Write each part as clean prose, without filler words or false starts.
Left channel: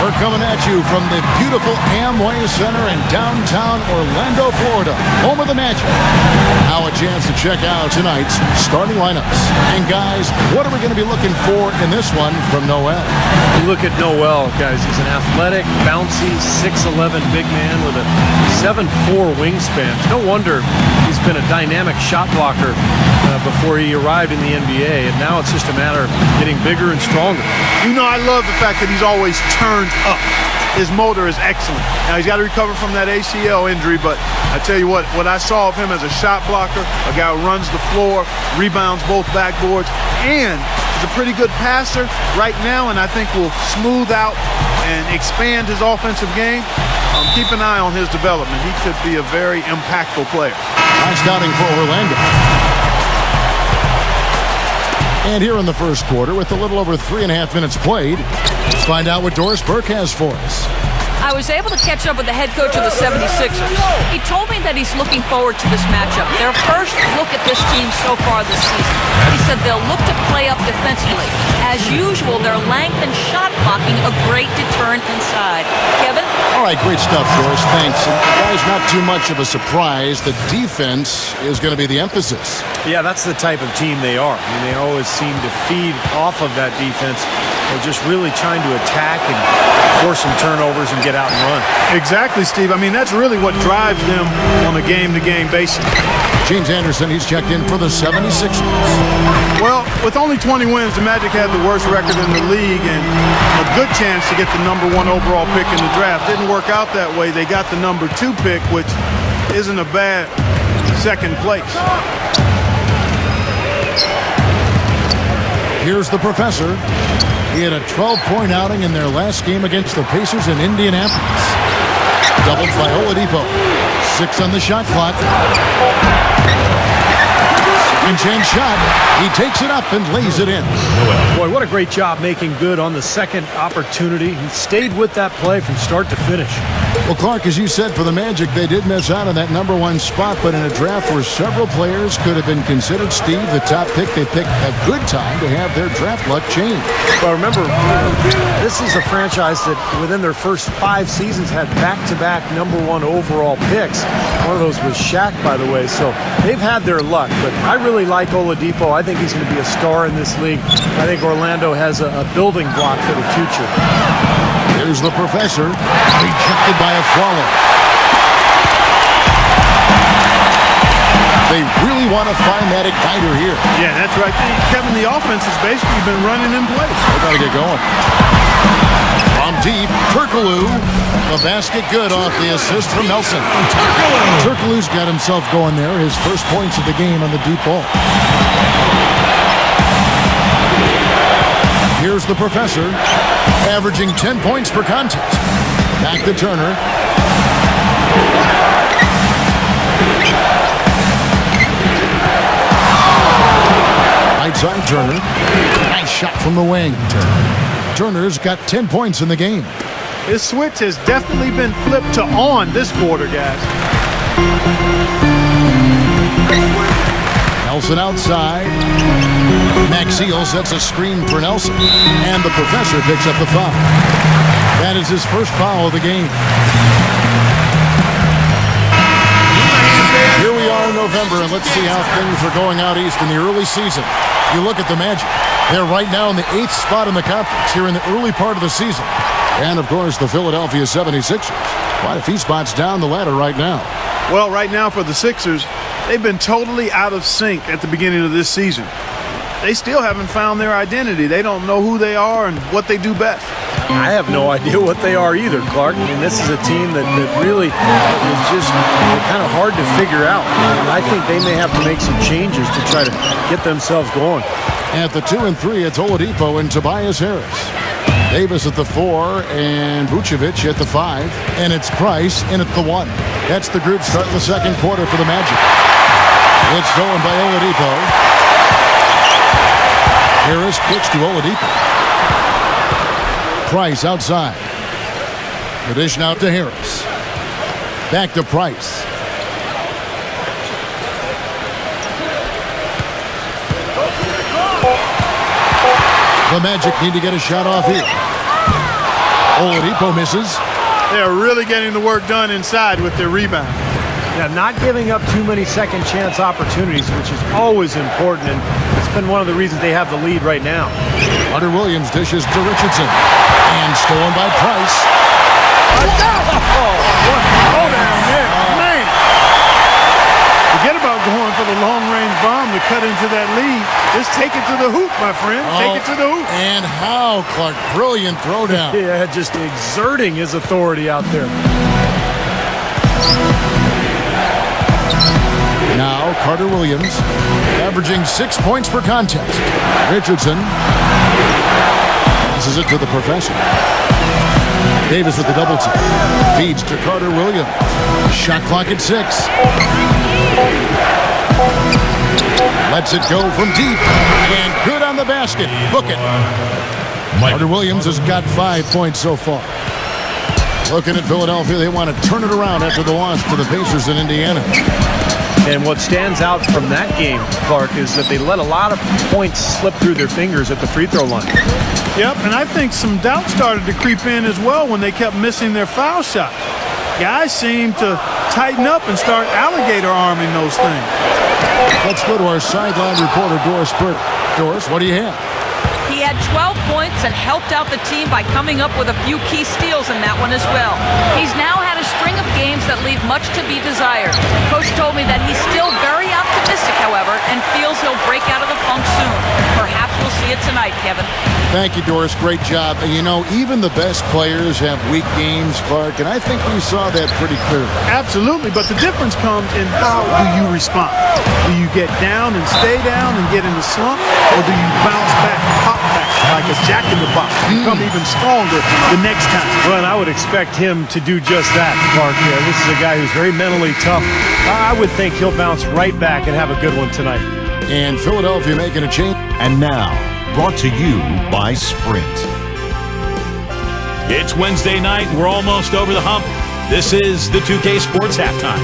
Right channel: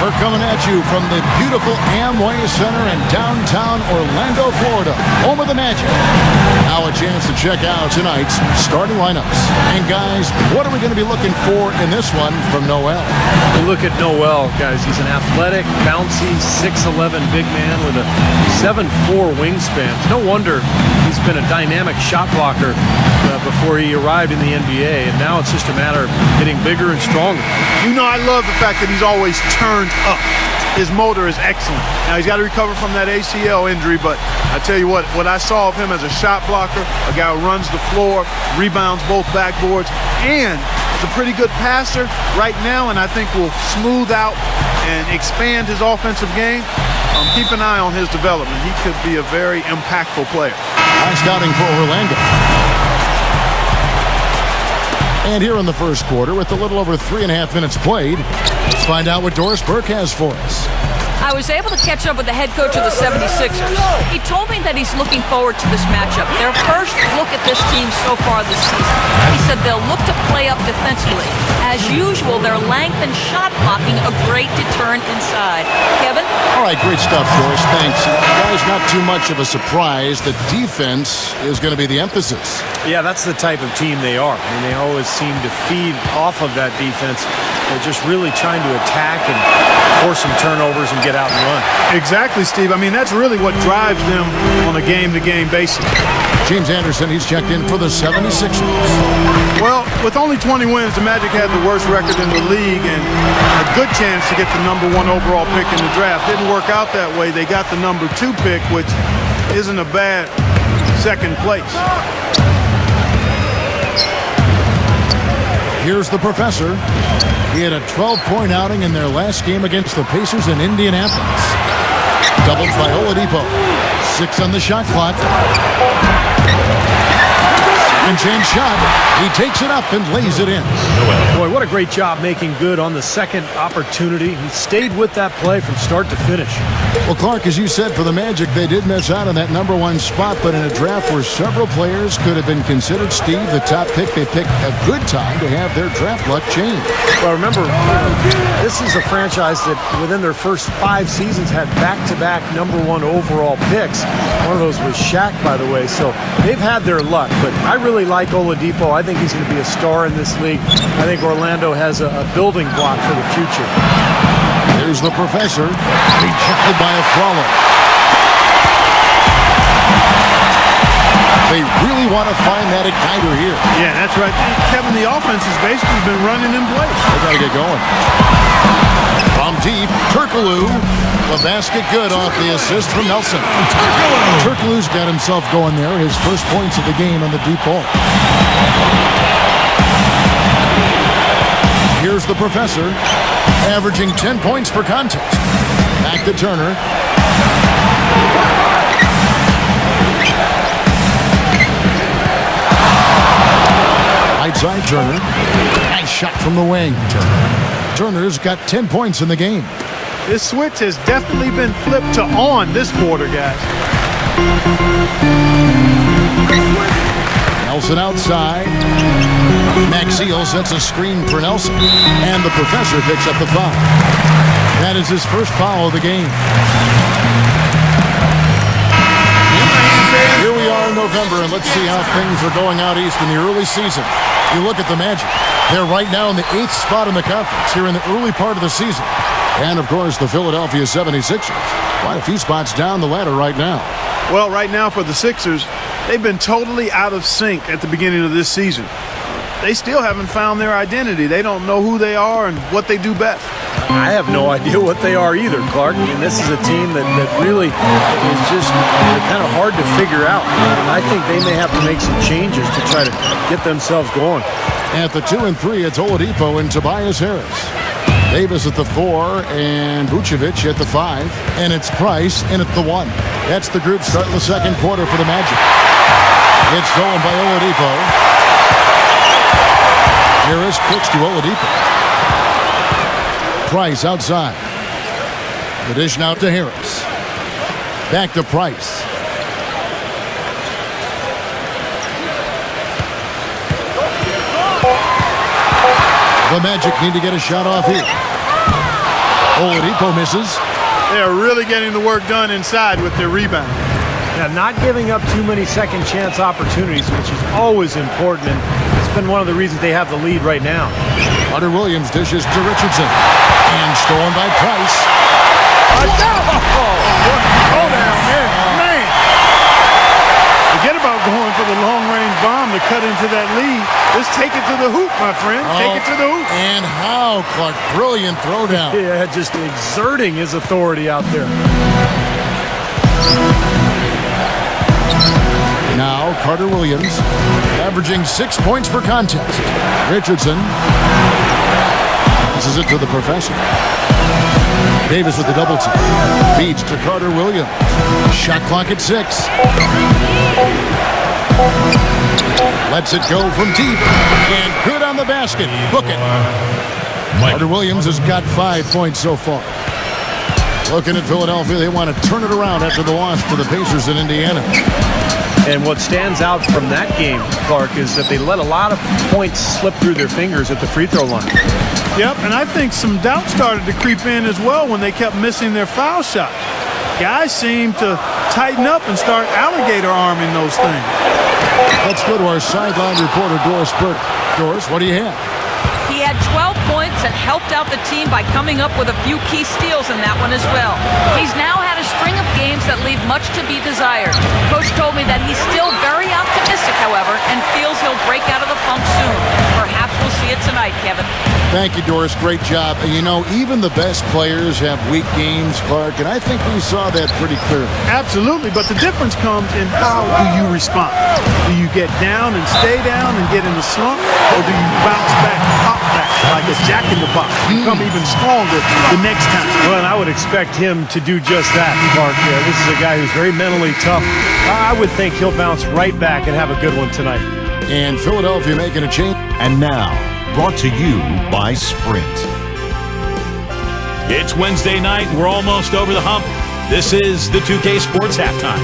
We're coming at you from the beautiful Amway Center in downtown Orlando, Florida, home of the Magic. Now a chance to check out tonight's starting lineups. And guys, what are we going to be looking for in this one from Noel? You look at Noel, guys, he's an athletic, bouncy, 6'11" big man with a 7'4" wingspan. It's no wonder he's been a dynamic shot blocker before he arrived in the NBA, and now it's just a matter of getting bigger and stronger. You know, I love the fact that he's always turned up. His motor is excellent. Now, he's got to recover from that ACL injury, but I tell you what I saw of him as a shot blocker, a guy who runs the floor, rebounds both backboards, and is a pretty good passer right now, and I think will smooth out and expand his offensive game. Keep an eye on his development. He could be a very impactful player. Nice scouting for Orlando. And here in the first quarter, with a little over 3.5 minutes played, let's find out what Doris Burke has for us. I was able to catch up with the head coach of the 76ers. He told me that he's looking forward to this matchup. Their first look at this team so far this season. He said they'll look to play up defensively. As usual, their length and shot blocking a great deterrent inside. Kevin? All right, great stuff, Doris. Thanks. And guys, not too much of a surprise. The defense is going to be the emphasis. Yeah, that's the type of team they are. I mean, they always seem to feed off of that defense. They're just really trying to attack and force some turnovers and get out and run. Exactly, Steve. I mean, that's really what drives them on a game-to-game basis. James Anderson, he's checked in for the 76ers. Well, with only 20 wins, the Magic had the worst record in the league and a good chance to get the #1 overall pick in the draft. Didn't work out that way. They got the #2 pick, which isn't a bad second place. Here's the professor. He had a 12-point outing in their last game against the Pacers in Indianapolis. Doubled by Oladipo. 6 on the shot clock. Second chance shot. He takes it up and lays it in. Boy, what a great job making good on the second opportunity. He stayed with that play from start to finish. Well, Clark, as you said, for the Magic, they did miss out on that #1 spot, but in a draft where several players could have been considered, Steve, the top pick, they picked a good time to have their draft luck change. Well, remember, this is a franchise that within their first 5 seasons had back-to-back #1 overall picks. One of those was Shaq, by the way, so they've had their luck, but I really like Oladipo. I think he's going to be a star in this league. I think Orlando has a building block for the future. Here's the professor, rejected by a follow. They really want to find that igniter here. Yeah, that's right. Kevin, the offense has basically been running in place. They got to get going. From deep, Turkoglu. The basket good off the assist from Nelson. Turkoglu's got himself going there. His first points of the game on the deep ball. Here's the professor, averaging 10 points per contest. Back to Turner. Right side Turner. Nice shot from the wing. Turner's got 10 points in the game. His switch has definitely been flipped to on this quarter, guys. Nelson outside. Maxiel sets a screen for Nelson. And the professor picks up the foul. That is his first foul of the game. Here we are in November, and let's see how things are going out east in the early season. You look at the Magic. They're right now in the 8th spot in the conference here in the early part of the season. And, of course, the Philadelphia 76ers. Quite a few spots down the ladder right now. Well, right now for the Sixers, they've been totally out of sync at the beginning of this season. They still haven't found their identity. They don't know who they are and what they do best. I have no idea what they are either, Clark. I mean, this is a team that really is just kind of hard to figure out. And I think they may have to make some changes to try to get themselves going. At the 2 and 3, it's Oladipo and Tobias Harris. Davis at the 4 and Vucevic at the 5. And it's Price in at the 1. That's the group starting the second quarter for the Magic. It's stolen by Oladipo. Harris kicks to Oladipo. Price outside. The dish now to Harris. Back to Price. The Magic need to get a shot off here. Oladipo misses. They are really getting the work done inside with their rebound. Now, not giving up too many second chance opportunities, which is always important, and it's been one of the reasons they have the lead right now. Carter Williams dishes to Richardson. And stolen by Price. What a throwdown there. Man. Forget about going for the long-range bomb to cut into that lead. Just take it to the hoop, my friend. Take it to the hoop. And how, Clark. Brilliant throwdown. Yeah, just exerting his authority out there. Now, Carter Williams, averaging 6 points per contest. Richardson passes it to the professor. Davis with the double team. Feeds to Carter Williams. Shot clock at 6. Lets it go from deep. And good on the basket. Book it. Carter Williams has got 5 points so far. Looking at Philadelphia, they want to turn it around after the loss to the Pacers in Indiana. And what stands out from that game, Clark, is that they let a lot of points slip through their fingers at the free throw line. Yep, and I think some doubt started to creep in as well when they kept missing their foul shots. Guys seem to tighten up and start alligator arming those things. Let's go to our sideline reporter, Doris Burke. Doris, what do you have? He had 12 points and helped out the team by coming up with a few key steals in that one as well. He's now had a string of games that leave much to be desired. Coach told me that he's still very optimistic, however, and feels he'll break out of the funk soon. Perhaps we'll see it tonight, Kevin. Thank you, Doris. Great job. You know, even the best players have weak games, Clark, and I think we saw that pretty clearly. Absolutely, but the difference comes in how do you respond? Do you get down and stay down and get in a slump, or do you bounce back, pop back like a jack-in-the-box, become even stronger the next time? Well, and I would expect him to do just that, Clark. This is a guy who's very mentally tough. I would think he'll bounce right back and have a good one tonight. And Philadelphia making a change. And now, brought to you by Sprint. It's Wednesday night. We're almost over the hump. This is the 2K Sports Halftime.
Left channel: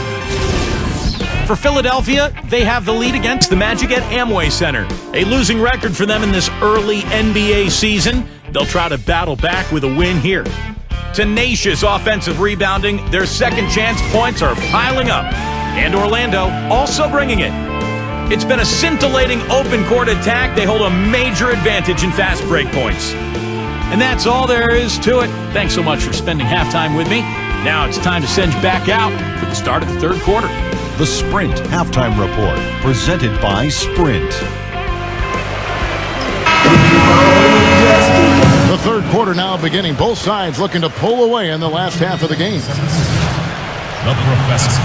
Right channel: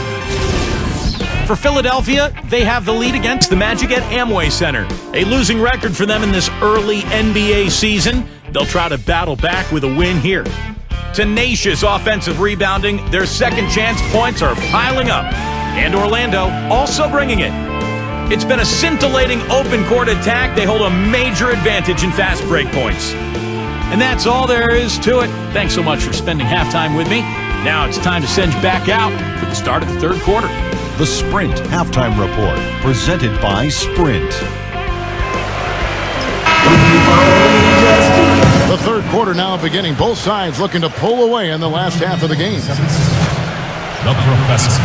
For Philadelphia, they have the lead against the Magic at Amway Center. A losing record for them in this early NBA season. They'll try to battle back with a win here. Tenacious offensive rebounding. Their second chance points are piling up. And Orlando also bringing it. It's been a scintillating open court attack. They hold a major advantage in fast break points. And that's all there is to it. Thanks so much for spending halftime with me. Now it's time to send you back out for the start of the third quarter. The Sprint Halftime Report, presented by Sprint. The third quarter now beginning. Both sides looking to pull away in the last half of the game. The Professor.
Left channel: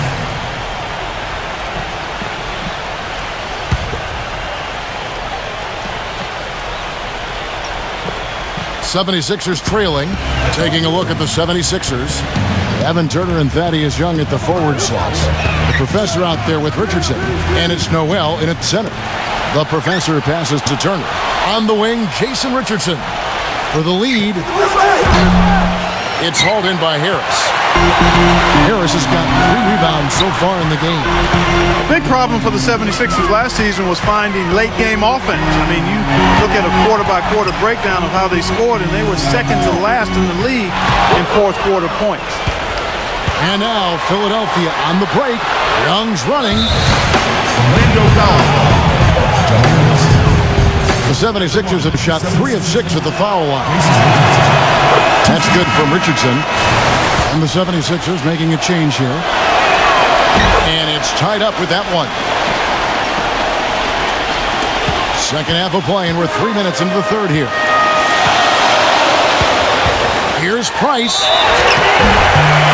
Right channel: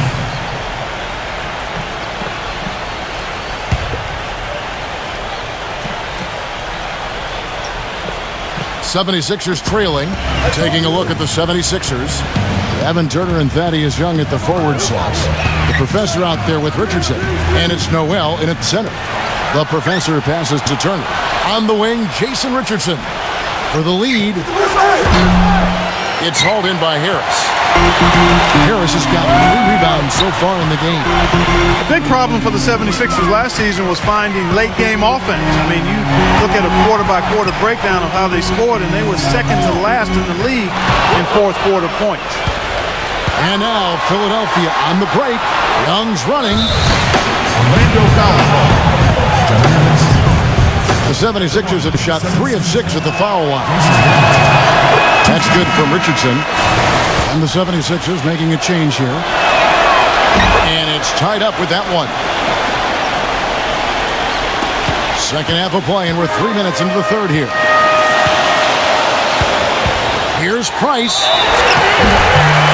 76ers trailing. Taking a look at the 76ers. Evan Turner and Thaddeus Young at the forward slots. The professor out there with Richardson. And it's Noel in at center. The professor passes to Turner. On the wing, Jason Richardson. For the lead. It's hauled in by Harris. Harris has got 3 rebounds so far in the game. A big problem for the 76ers last season was finding late-game offense. I mean, you look at a quarter-by-quarter breakdown of how they scored, and they were second to last in the league in fourth-quarter points. And now Philadelphia on the break. Young's running. The 76ers have shot 3 of 6 at the foul line. That's good from Richardson. And the 76ers making a change here. And it's tied up with that one. Second half of play, and we're 3 minutes into the third here. Here's Price.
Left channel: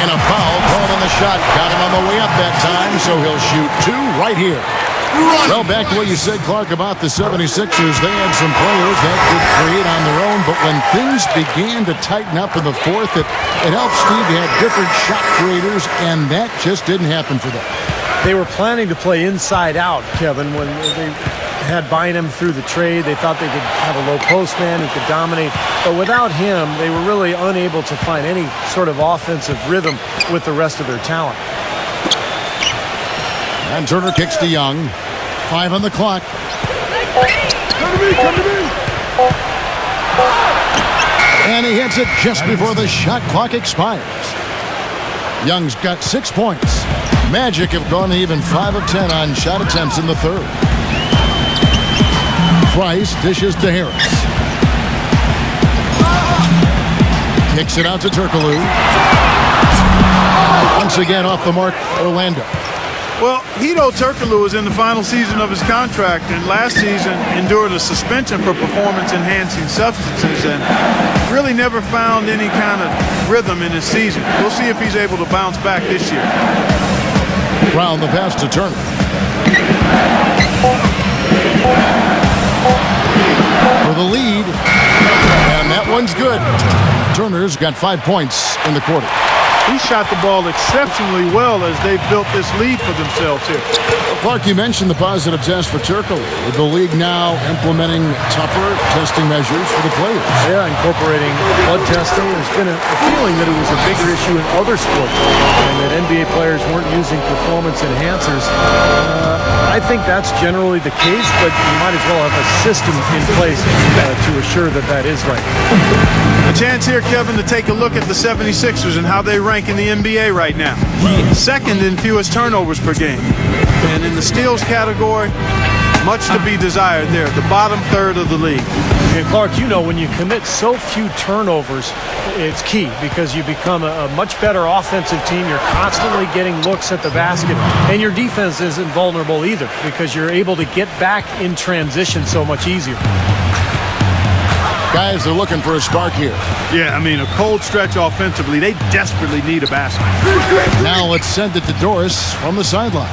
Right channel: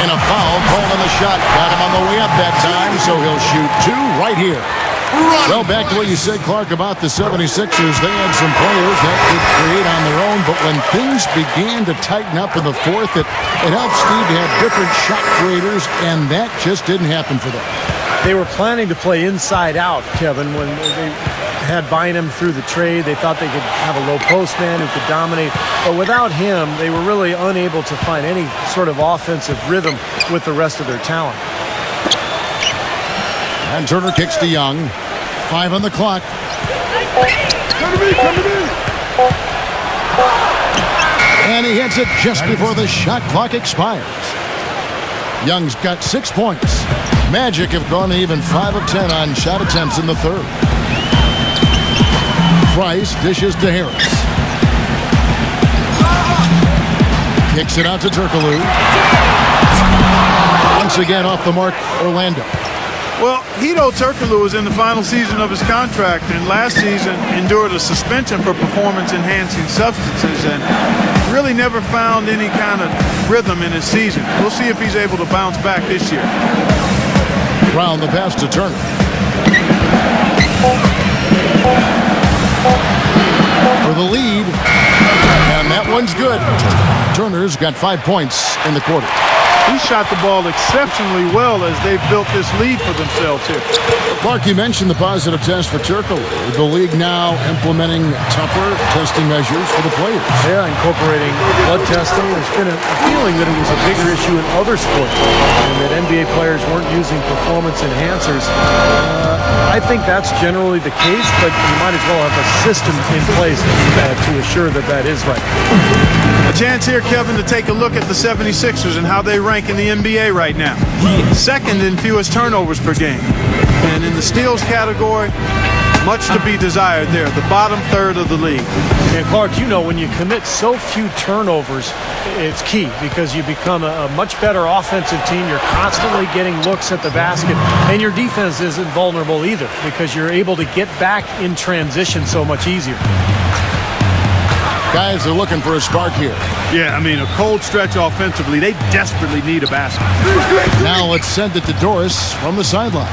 And a foul called on the shot. Got him on the way up that time, so he'll shoot 2 right here. Well, back to what you said, Clark, about the 76ers. They had some players that could create on their own, but when things began to tighten up in the fourth, it helped Steve to have different shot creators, and that just didn't happen for them. They were planning to play inside out, Kevin, when they had Bynum through the trade. They thought they could have a low post man who could dominate. But without him, they were really unable to find any sort of offensive rhythm with the rest of their talent. And Turner kicks to Young. 5 on the clock. Come to me, come to me. And he hits it just before the shot clock expires. Young's got 6 points. Magic have gone even 5 of 10 on shot attempts in the third. Price dishes to Harris. Kicks it out to Turkoglu. Once again off the mark, Orlando. Well, Hedo Turkoglu is in the final season of his contract, and last season endured a suspension for performance-enhancing substances and really never found any kind of rhythm in his season. We'll see if he's able to bounce back this year. Brown the pass to Turner. For the lead, and that one's good. Turner's got 5 points in the quarter. He shot the ball exceptionally well as they've built this lead for themselves here. Well, Clark, you mentioned the positive test for Turkoglu. The league now implementing tougher testing measures for the players. Yeah, incorporating blood testing. There's been a feeling that it was a bigger issue in other sports and that NBA players weren't using performance enhancers. I think that's generally the case, but you might as well have a system in place to assure that that is right. A chance here, Kevin, to take a look at the 76ers and how they rank in the NBA right now. Second in fewest turnovers per game. And in the steals category, much to be desired there, the bottom third of the league. And Clark, you know, when you commit so few turnovers, it's key because you become a much better offensive team. You're constantly getting looks at the basket, and your defense isn't vulnerable either because you're able to get back in transition so much easier. Guys are looking for a spark here. Yeah, I mean, a cold stretch offensively. They desperately need a basket. Now let's send it to Doris from the sideline.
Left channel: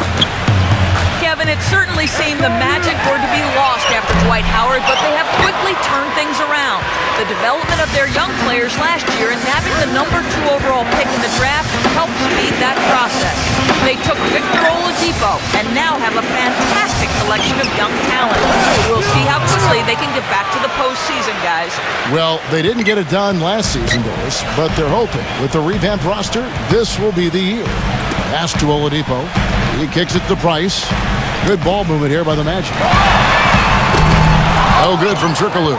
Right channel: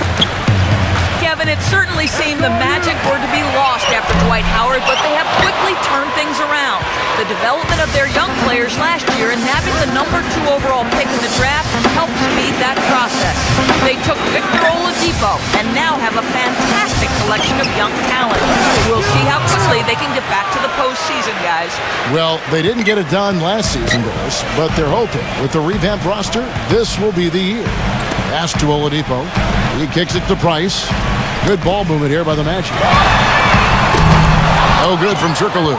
Kevin, it certainly seemed the Magic were to be lost after Dwight Howard, but they have quickly turned things around. The development of their young players last year and nabbing the #2 overall pick in the draft helped speed that process. They took Victor Oladipo and now have a fantastic collection of young talent. We'll see how quickly they can get back to the postseason, guys. Well, they didn't get it done last season, Doris, but they're hoping with the revamped roster, this will be the year. Pass to Oladipo. He kicks it to Price. Good ball movement here by the Magic. No good from Turkoglu.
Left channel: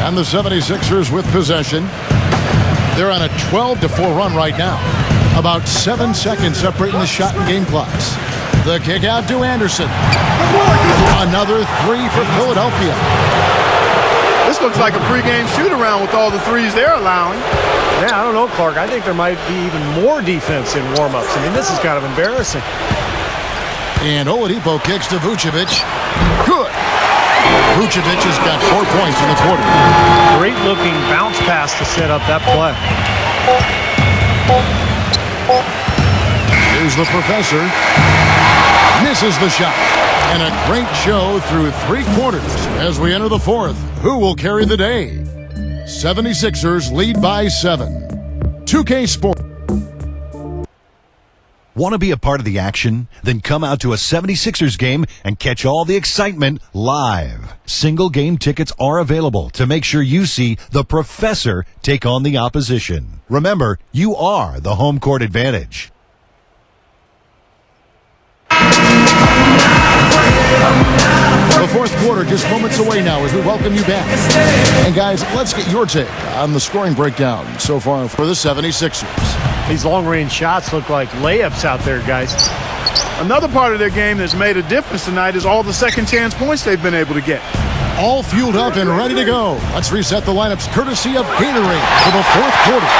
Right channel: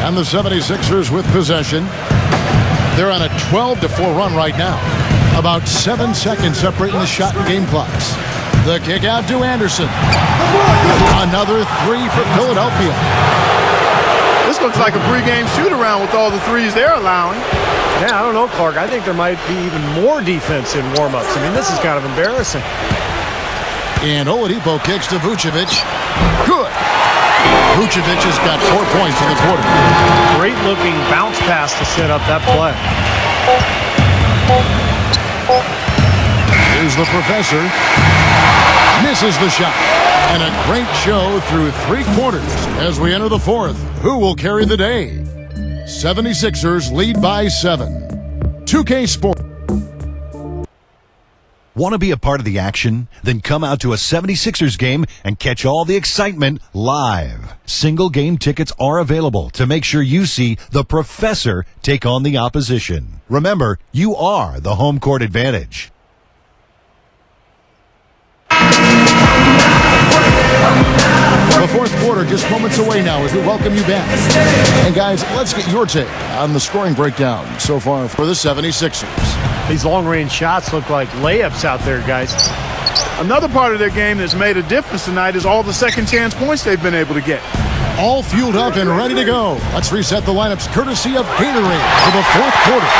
And the 76ers with possession. They're on a 12-4 run right now. About 7 seconds separating the shot and game clocks. The kick out to Anderson. Another 3 for Philadelphia. This looks like a pregame shoot-around with all the threes they're allowing. Yeah, I don't know, Clark. I think there might be even more defense in warm-ups. I mean, this is kind of embarrassing. And Oladipo kicks to Vucevic. Good. Vucevic has got 4 points in the quarter. Great-looking bounce pass to set up that play. Here's the professor. Misses the shot. And a great show through 3 quarters as we enter the 4th. Who will carry the day? 76ers lead by 7. 2K Sports. Want to be a part of the action? Then come out to a 76ers game and catch all the excitement live. Single game tickets are available to make sure you see the professor take on the opposition. Remember, you are the home court advantage. The 4th quarter just moments away now as we welcome you back. And guys, let's get your take on the scoring breakdown so far for the 76ers. These long-range shots look like layups out there, guys. Another part of their game that's made a difference tonight is all the second-chance points they've been able to get. All fueled up and ready to go. Let's reset the lineups courtesy of Gatorade for the 4th quarter.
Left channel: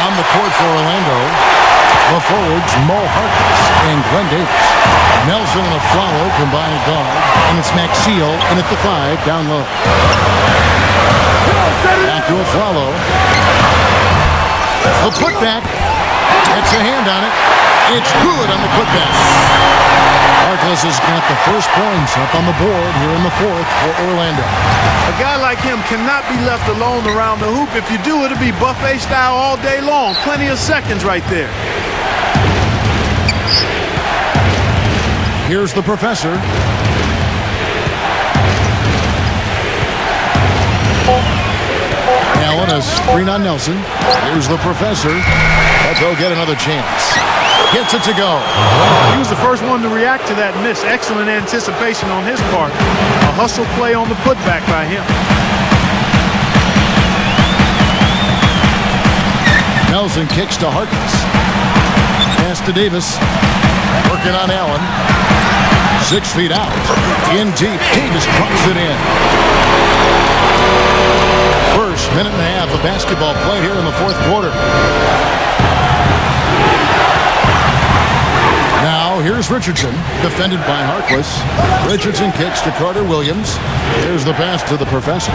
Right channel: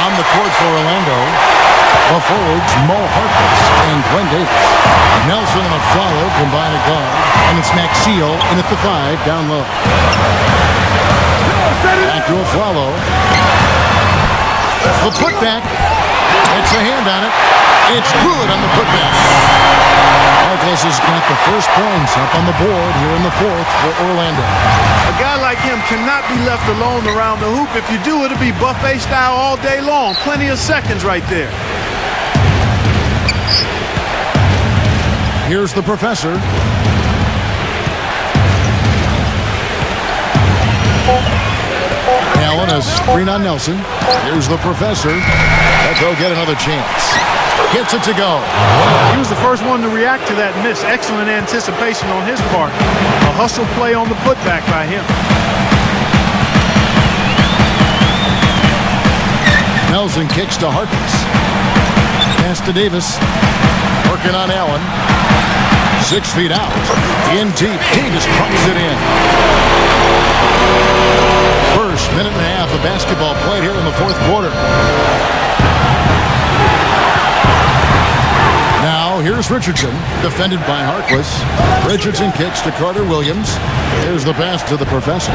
On the court for Orlando, the forwards Mo Harkless and Glenn Davis. Nelson and Aflalo combine at guard, and it's Maxiel in at the 5 down low. Back to Aflalo. The putback. Gets a hand on it. It's good on the putback. Harkless has got the first points up on the board here in the 4th for Orlando. A guy like him cannot be left alone around the hoop. If you do, it'll be buffet style all day long. Plenty of seconds right there. Here's the professor. Allen, a screen on Nelson. Here's the professor. But they'll get another chance. Gets it to go. He was the first one to react to that miss. Excellent anticipation on his part. A hustle play on the putback by him. Nelson kicks to Harkless. Pass to Davis. Working on Allen. 6 feet out. In deep. Davis drops it in. First minute and a half of basketball played here in the fourth quarter. Now here's Richardson, defended by Harkless. Richardson kicks to Carter Williams. Here's the pass to the professor.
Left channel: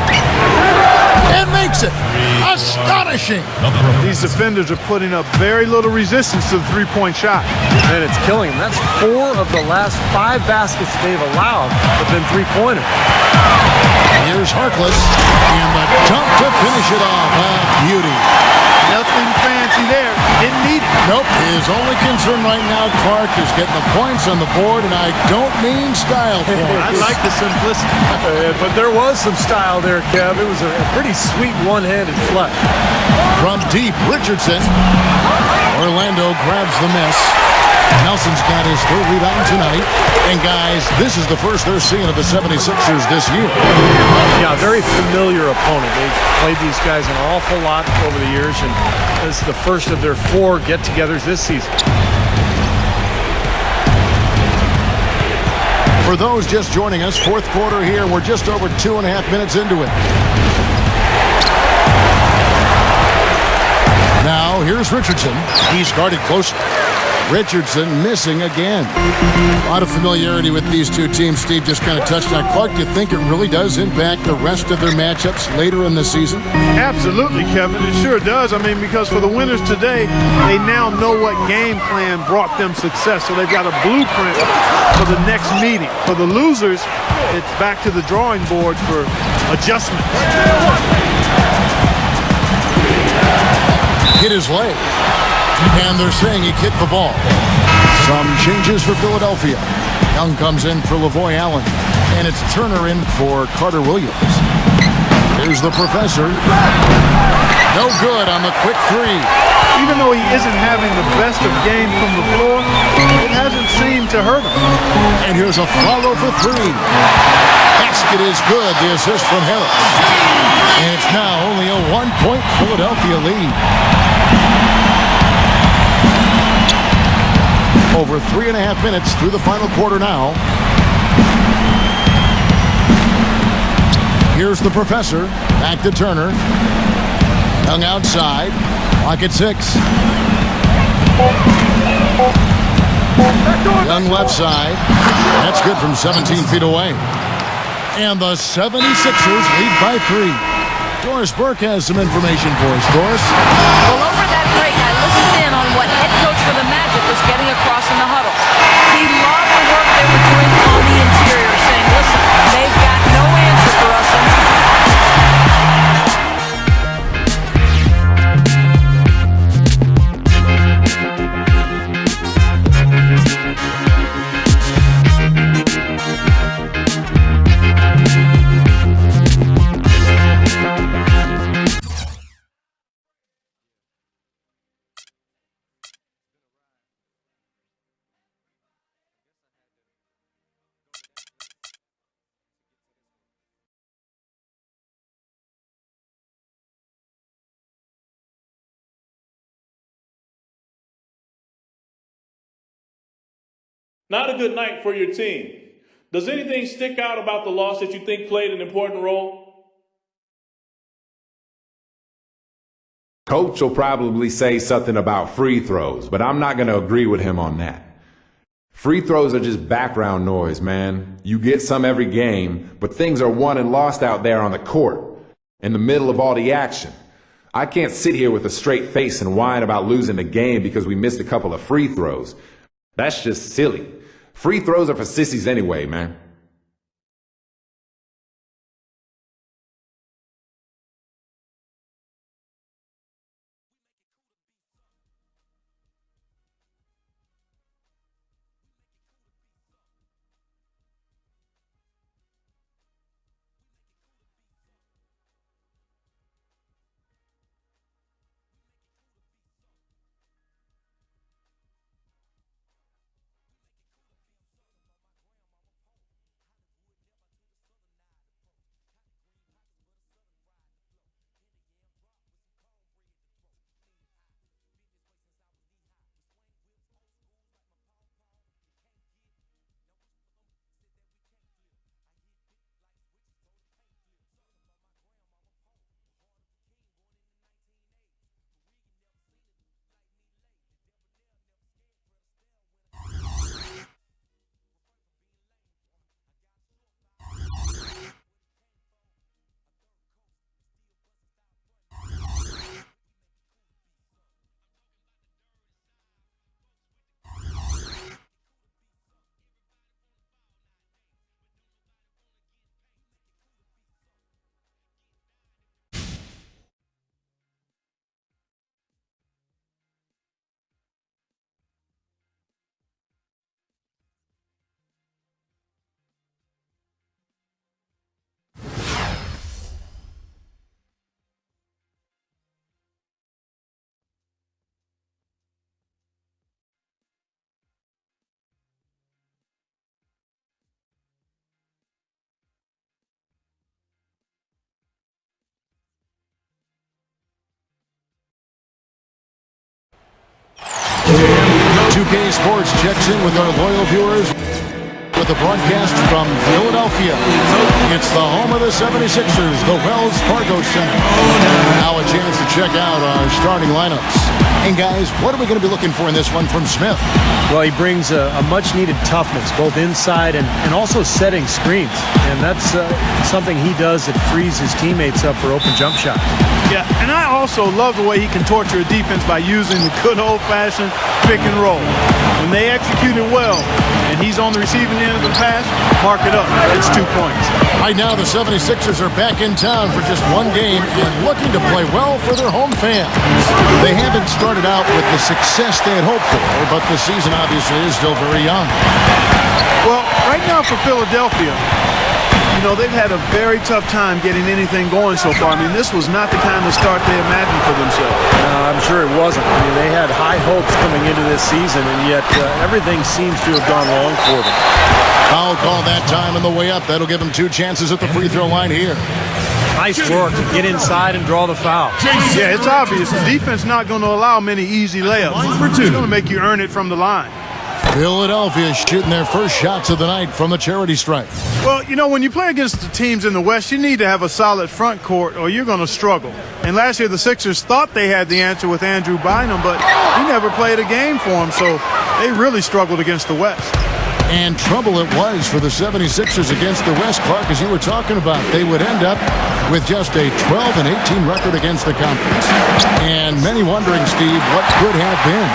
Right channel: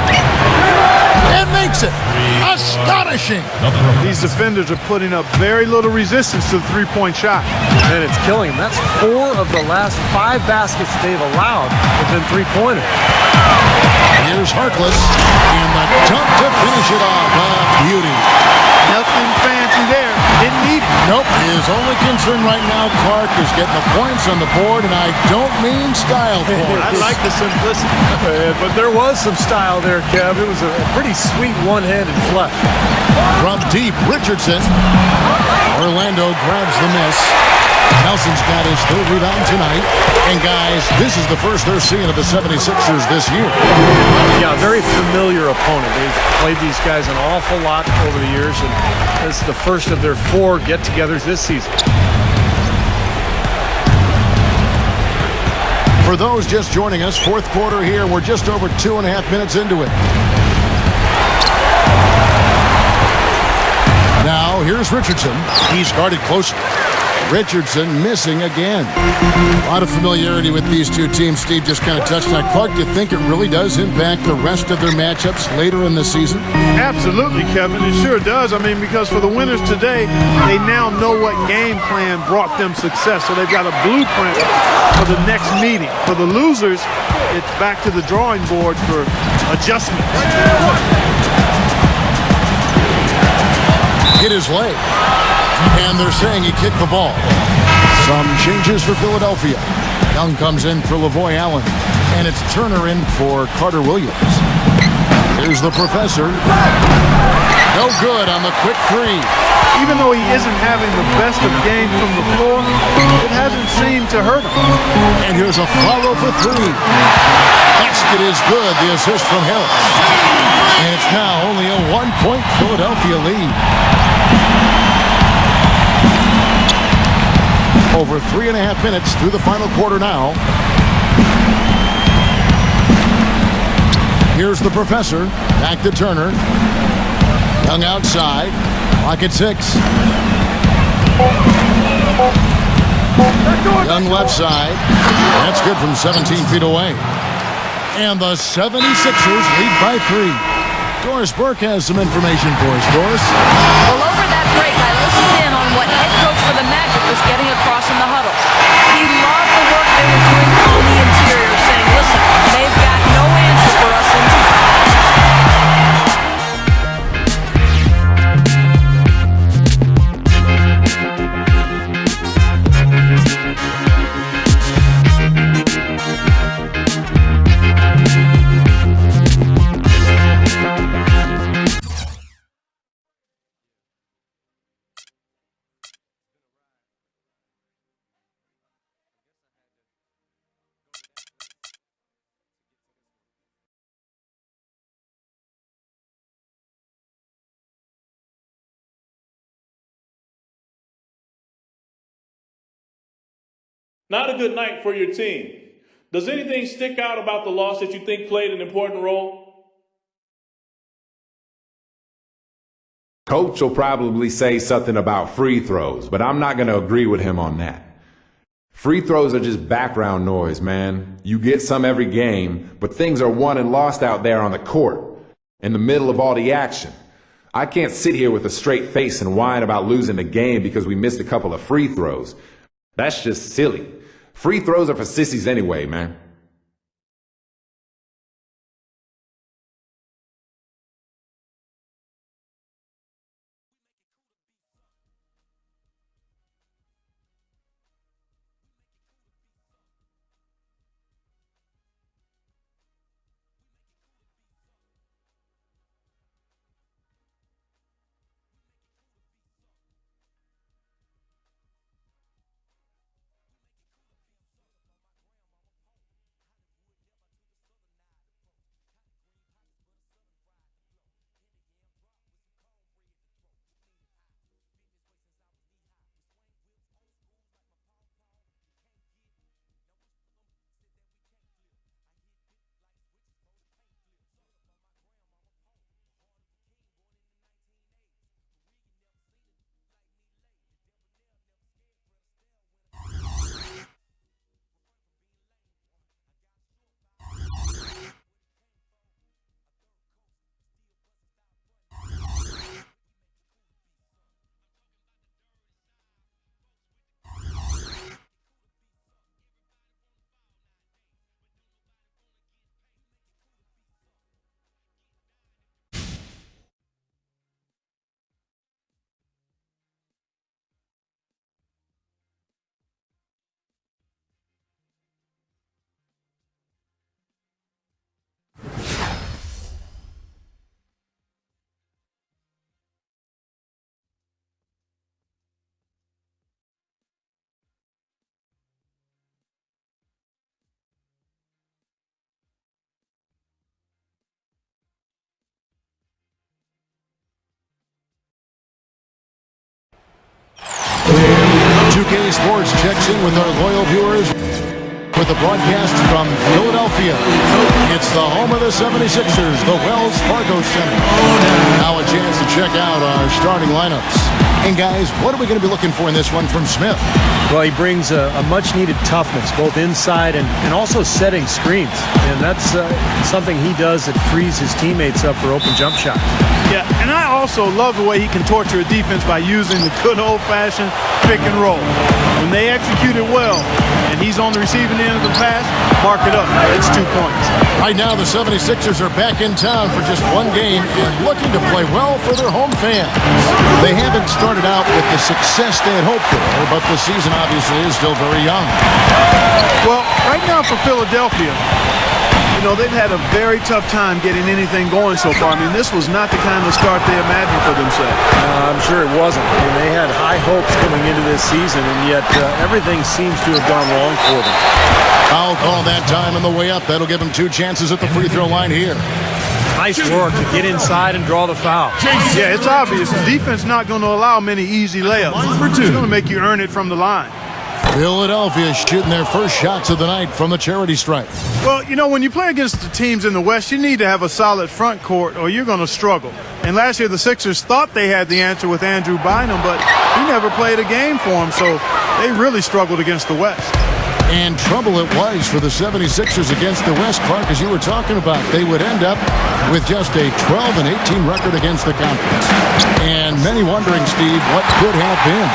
And makes it. Astonishing. These defenders are putting up very little resistance to the three-point shot. And it's killing them. That's 4 of the last 5 baskets they've allowed have been three-pointers. Here's Harkless, and the dunk to finish it off. A beauty. Nothing fancy there. Didn't need it. Nope. His only concern right now, Clark, is getting the points on the board, and I don't mean style points. I like the simplicity. But there was some style there, Kev. It was a pretty sweet one-handed flush. From deep, Richardson. Orlando grabs the miss. Nelson's got his 3rd rebound tonight. And guys, this is the first they're seeing of the 76ers this year. Yeah, very familiar opponent. They've played these guys an awful lot over the years, and this is the first of their 4 get-togethers this season. For those just joining us, fourth quarter here. We're just over 2.5 minutes into it. Now, here's Richardson. He's guarded closely. Richardson missing again. A lot of familiarity with these two teams. Steve just kind of touched on. Clark, do you think it really does impact the rest of their matchups later in the season? Absolutely, Kevin. It sure does. I mean, because for the winners today, they now know what game plan brought them success. So they've got a blueprint for the next meeting. For the losers, it's back to the drawing board for adjustments. Hit his leg. And they're saying he kicked the ball. Some changes for Philadelphia. Young comes in for Lavoy Allen. And it's Turner in for Carter Williams. Here's the professor. No good on the quick 3. Even though he isn't having the best of games from the floor, it hasn't seemed to hurt him. And here's a follow for 3. Basket is good. The assist from Harris. And it's now only a 1-point Philadelphia lead. Over 3.5 minutes through the final quarter now. Here's the professor. Back to Turner. Young outside. Clock at 6. Young left side. That's good from 17 feet away. And the 76ers lead by 3. Doris Burke has some information for us. Doris? Well, over that break, I listened in on what head coach for the Magic was getting across in the huddle. He loved the work they were doing on the interior, saying, listen, they've got no answer for us inside. Not a good night for your team. Does anything stick out about the loss that you think played an important role? Coach will probably say something about free throws, but I'm not going to agree with him on that. Free throws are just background noise, man. You get some every game, but things are won and lost out there on the court, in the middle of all the action. I can't sit here with a straight face and whine about losing the game because we missed a couple of free throws. That's just silly. Free throws are for sissies anyway, man. 2K Sports checks in with our loyal viewers with a broadcast from Philadelphia. It's the home of the 76ers, the Wells Fargo Center. Now a chance to check out our starting lineups. And guys, what are we going to be looking for in this one from Smith? Well, he brings a much-needed toughness, both inside and also setting screens. And that's something he does that frees his teammates up for open jump shots. Yeah, and I also love the way he can torture a defense by using the good old-fashioned pick and roll. When they execute it well, and he's on the receiving end of the pass, mark it up. It's 2 points. Right now, the 76ers are back in town for just one game and looking to play well for their home fans. They haven't started out with the success they had hoped for, but the season obviously is still very young. Well, right now for Philadelphia, you know, they've had a very tough time getting anything going so far. I mean, this was not the kind of start they imagined for themselves. No, I'm sure it wasn't. I mean, they had high hopes coming into this season, and yet everything seems to have gone wrong for them. Foul call that time on the way up. That'll give them 2 chances at the free throw line here. Nice work to get inside and draw the foul. Yeah, it's obvious. The defense not going to allow many easy layups. They're going to make you earn it from the line. Philadelphia shooting their first shots of the night from the charity stripe. Well, you know, when you play against the teams in the West, you need to have a solid front court or you're going to struggle. And last year the Sixers thought they had the answer with Andrew Bynum, but he never played a game for them, so they really struggled against the West. And trouble it was for the 76ers against the West, Clark, as you were talking about. They would end up with just a 12-18 record against the conference. And many wondering, Steve, what could have been.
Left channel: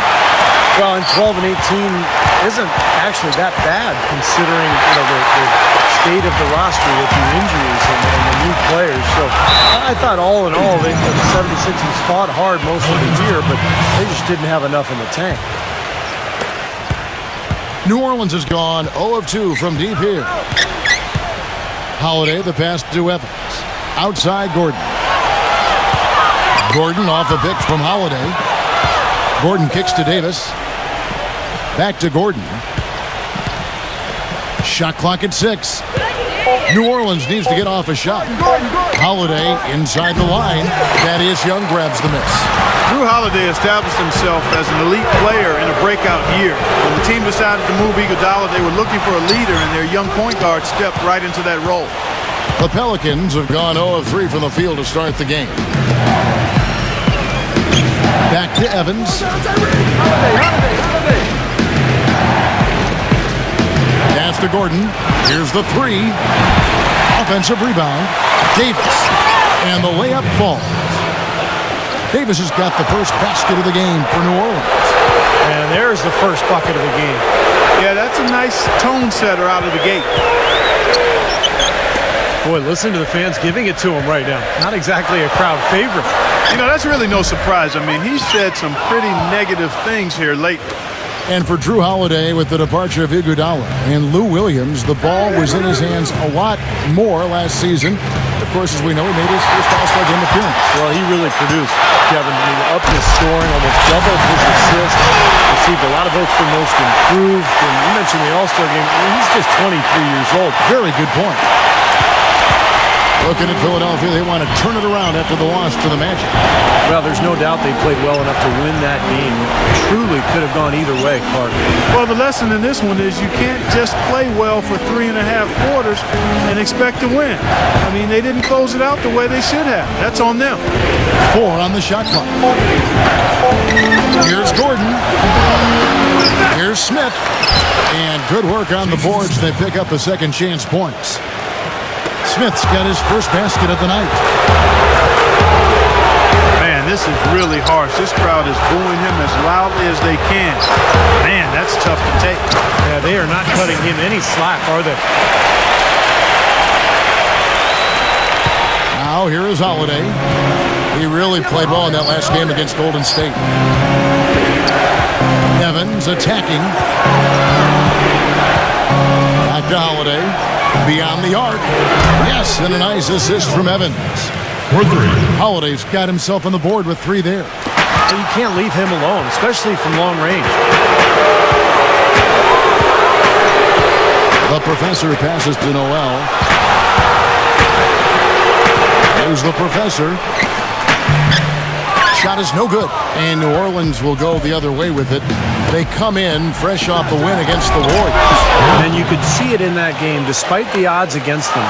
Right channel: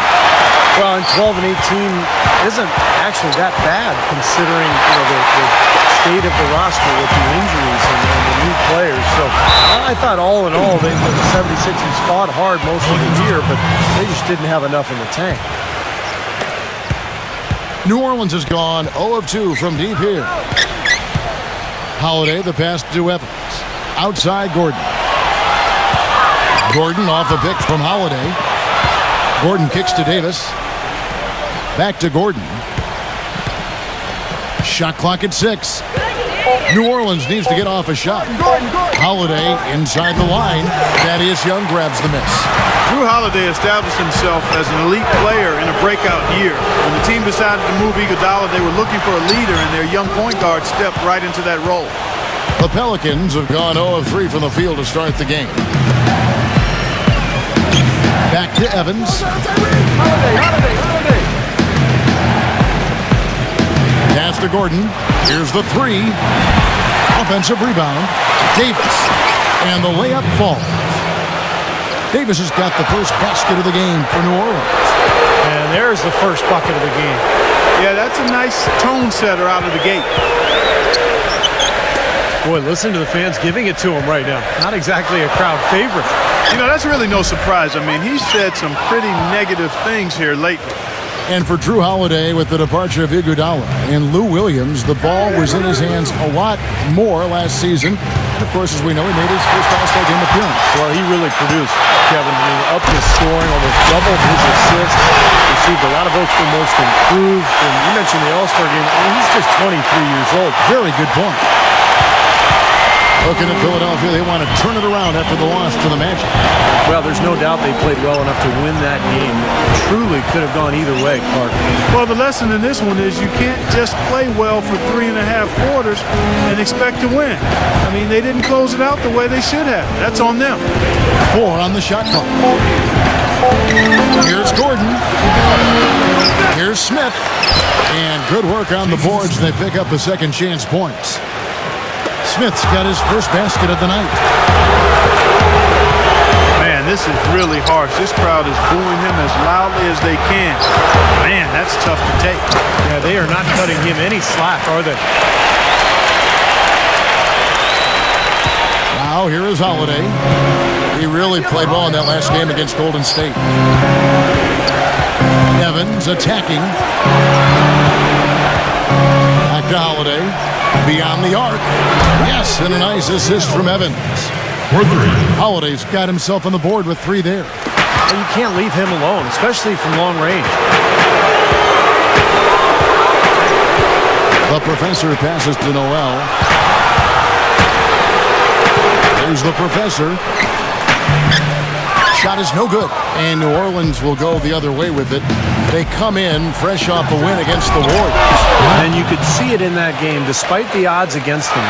Well, and 12-18 isn't actually that bad considering, you know, the state of the roster with the injuries and the new players. So I thought all in all, the 76ers fought hard most of the year, but they just didn't have enough in the tank. New Orleans has gone 0 of 2 from deep here. Holiday, the pass to Evans. Outside Gordon. Gordon off a pick from Holiday. Gordon kicks to Davis. Back to Gordon. Shot clock at 6. New Orleans needs to get off a shot. Holiday inside the line. Thaddeus Young grabs the miss. Drew Holiday established himself as an elite player in a breakout year. When the team decided to move Iguodala, they were looking for a leader, and their young point guard stepped right into that role. The Pelicans have gone 0 of 3 from the field to start the game. Back to Evans. Pass to Gordon. Here's the 3. Offensive rebound. Davis. And the layup falls. Davis has got the first basket of the game for New Orleans. And there's the first bucket of the game. Yeah, that's a nice tone setter out of the gate. Boy, listen to the fans giving it to him right now. Not exactly a crowd favorite. You know, that's really no surprise. I mean, he's said some pretty negative things here lately. And for Drew Holiday, with the departure of Iguodala and Lou Williams, the ball was in his hands a lot more last season. And, of course, as we know, he made his first All-Star game appearance. Well, he really produced, Kevin. I mean, up his scoring, almost doubled his assists, received a lot of votes for most improved. And you mentioned the All-Star game. I mean, he's just 23 years old. Very good point. Looking at Philadelphia, they want to turn it around after the loss to the Magic. Well, there's no doubt they played well enough to win that game. It truly could have gone either way, Clark. Well, the lesson in this one is you can't just play well for 3.5 quarters and expect to win. I mean, they didn't close it out the way they should have. That's on them. 4 on the shot clock. Here's Gordon. Here's Smith. And good work on the boards. They pick up the second chance points. Smith's got his first basket of the night. Man, this is really harsh. This crowd is booing him as loudly as they can. Man, that's tough to take. Yeah, they are not cutting him any slack, are they? Now, here is Holiday. He really played well in that last game against Golden State. Evans attacking. Back to Holiday. Beyond the arc. Yes, and a nice assist from Evans. Holiday's got himself on the board with 3 there. You can't leave him alone, especially from long range. The professor passes to Noel. Here's the professor. Shot is no good. And New Orleans will go the other way with it. They come in fresh off a win against the Warriors. And you could see it in that game, despite the odds against them.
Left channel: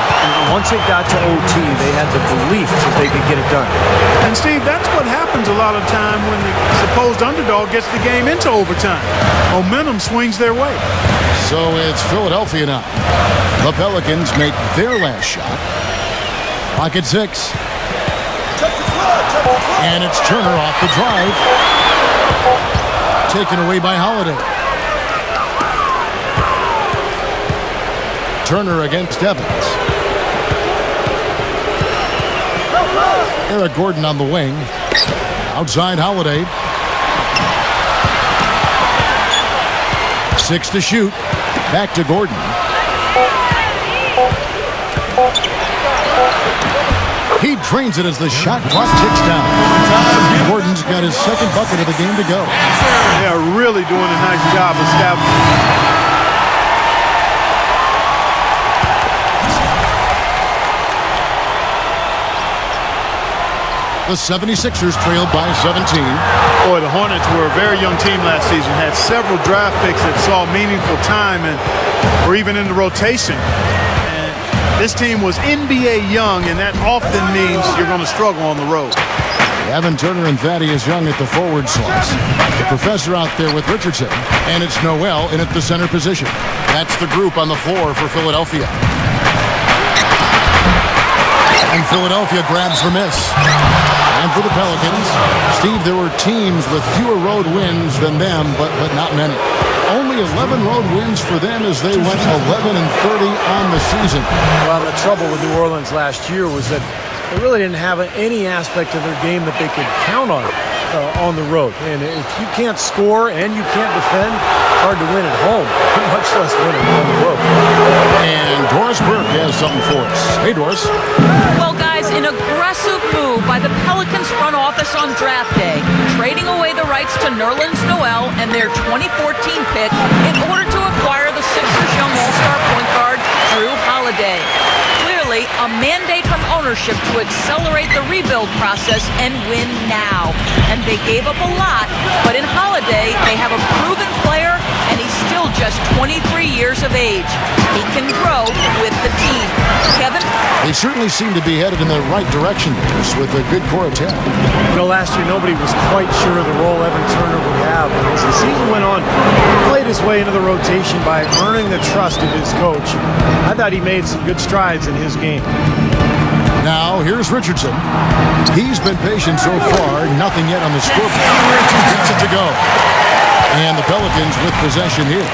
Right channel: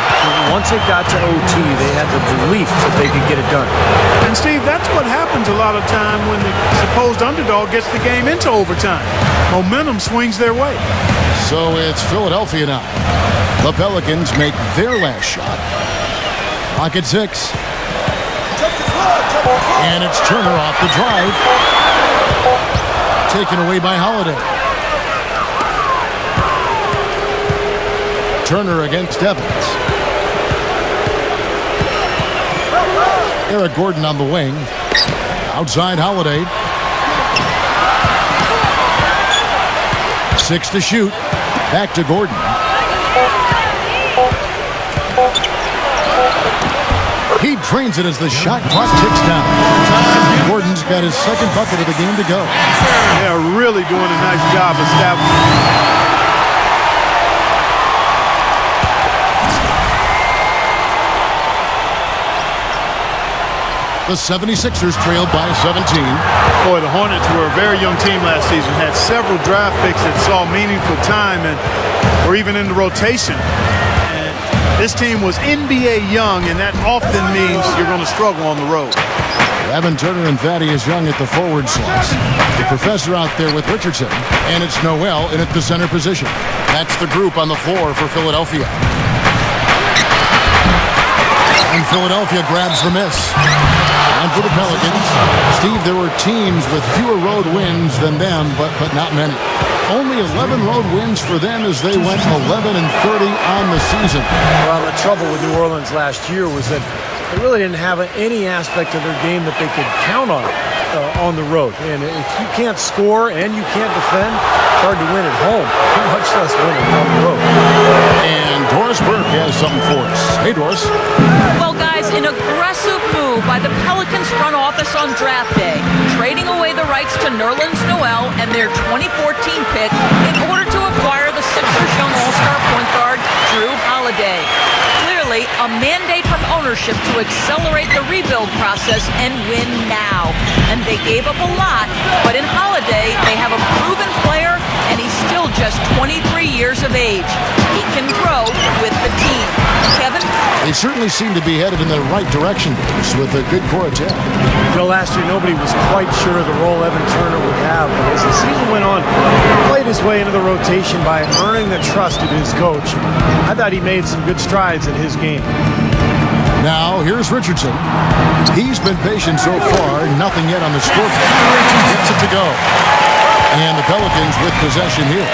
Once it got to OT, they had the belief that they could get it done. And Steve, that's what happens a lot of time when the supposed underdog gets the game into overtime. Momentum swings their way. So it's Philadelphia now. The Pelicans make their last shot. Clock at 6. And it's Turner off the drive. Taken away by Holiday. Turner against Evans. Eric Gordon on the wing. Outside Holiday. 6 to shoot. Back to Gordon. He drains it as the shot clock ticks down. Gordon's got his second bucket of the game to go. They are really doing a nice job establishing. The 76ers trailed by 17. Boy, the Hornets were a very young team last season, had several draft picks that saw meaningful time and were even in the rotation. And this team was NBA young, and that often means you're going to struggle on the road. Evan Turner and Thaddeus Young at the forward slots. The professor out there with Richardson, and it's Noel in at the center position. That's the group on the floor for Philadelphia. And Philadelphia grabs the miss. And for the Pelicans, Steve, there were teams with fewer road wins than them, but not many. Only 11 road wins for them as they went 11-30 on the season. Well, the trouble with New Orleans last year was that they really didn't have any aspect of their game that they could count on the road. And if you can't score and you can't defend, it's hard to win at home, much less win on the road. And Doris Burke has something for us. Hey, Doris. Well, guys, an aggressive move by the Pelicans front office on draft day, trading away the rights to Nerlens Noel and their 2014 pick in order to acquire the Sixers' young all-star point guard, Drew Holiday. Clearly, a mandate from ownership to accelerate the rebuild process and win now. And they gave up a lot, but in Holiday, they have a proven player, and he's still just 23 years of age. He can grow with the team. Kevin? They certainly seem to be headed in the right direction, Doris, with a good core of talent. You know, last year nobody was quite sure of the role Evan Turner would have, but as the season went on, he played his way into the rotation by earning the trust of his coach. I thought he made some good strides in his game. Now, here's Richardson. He's been patient so far, nothing yet on the scoreboard. Gets it to go. And the Pelicans with possession here.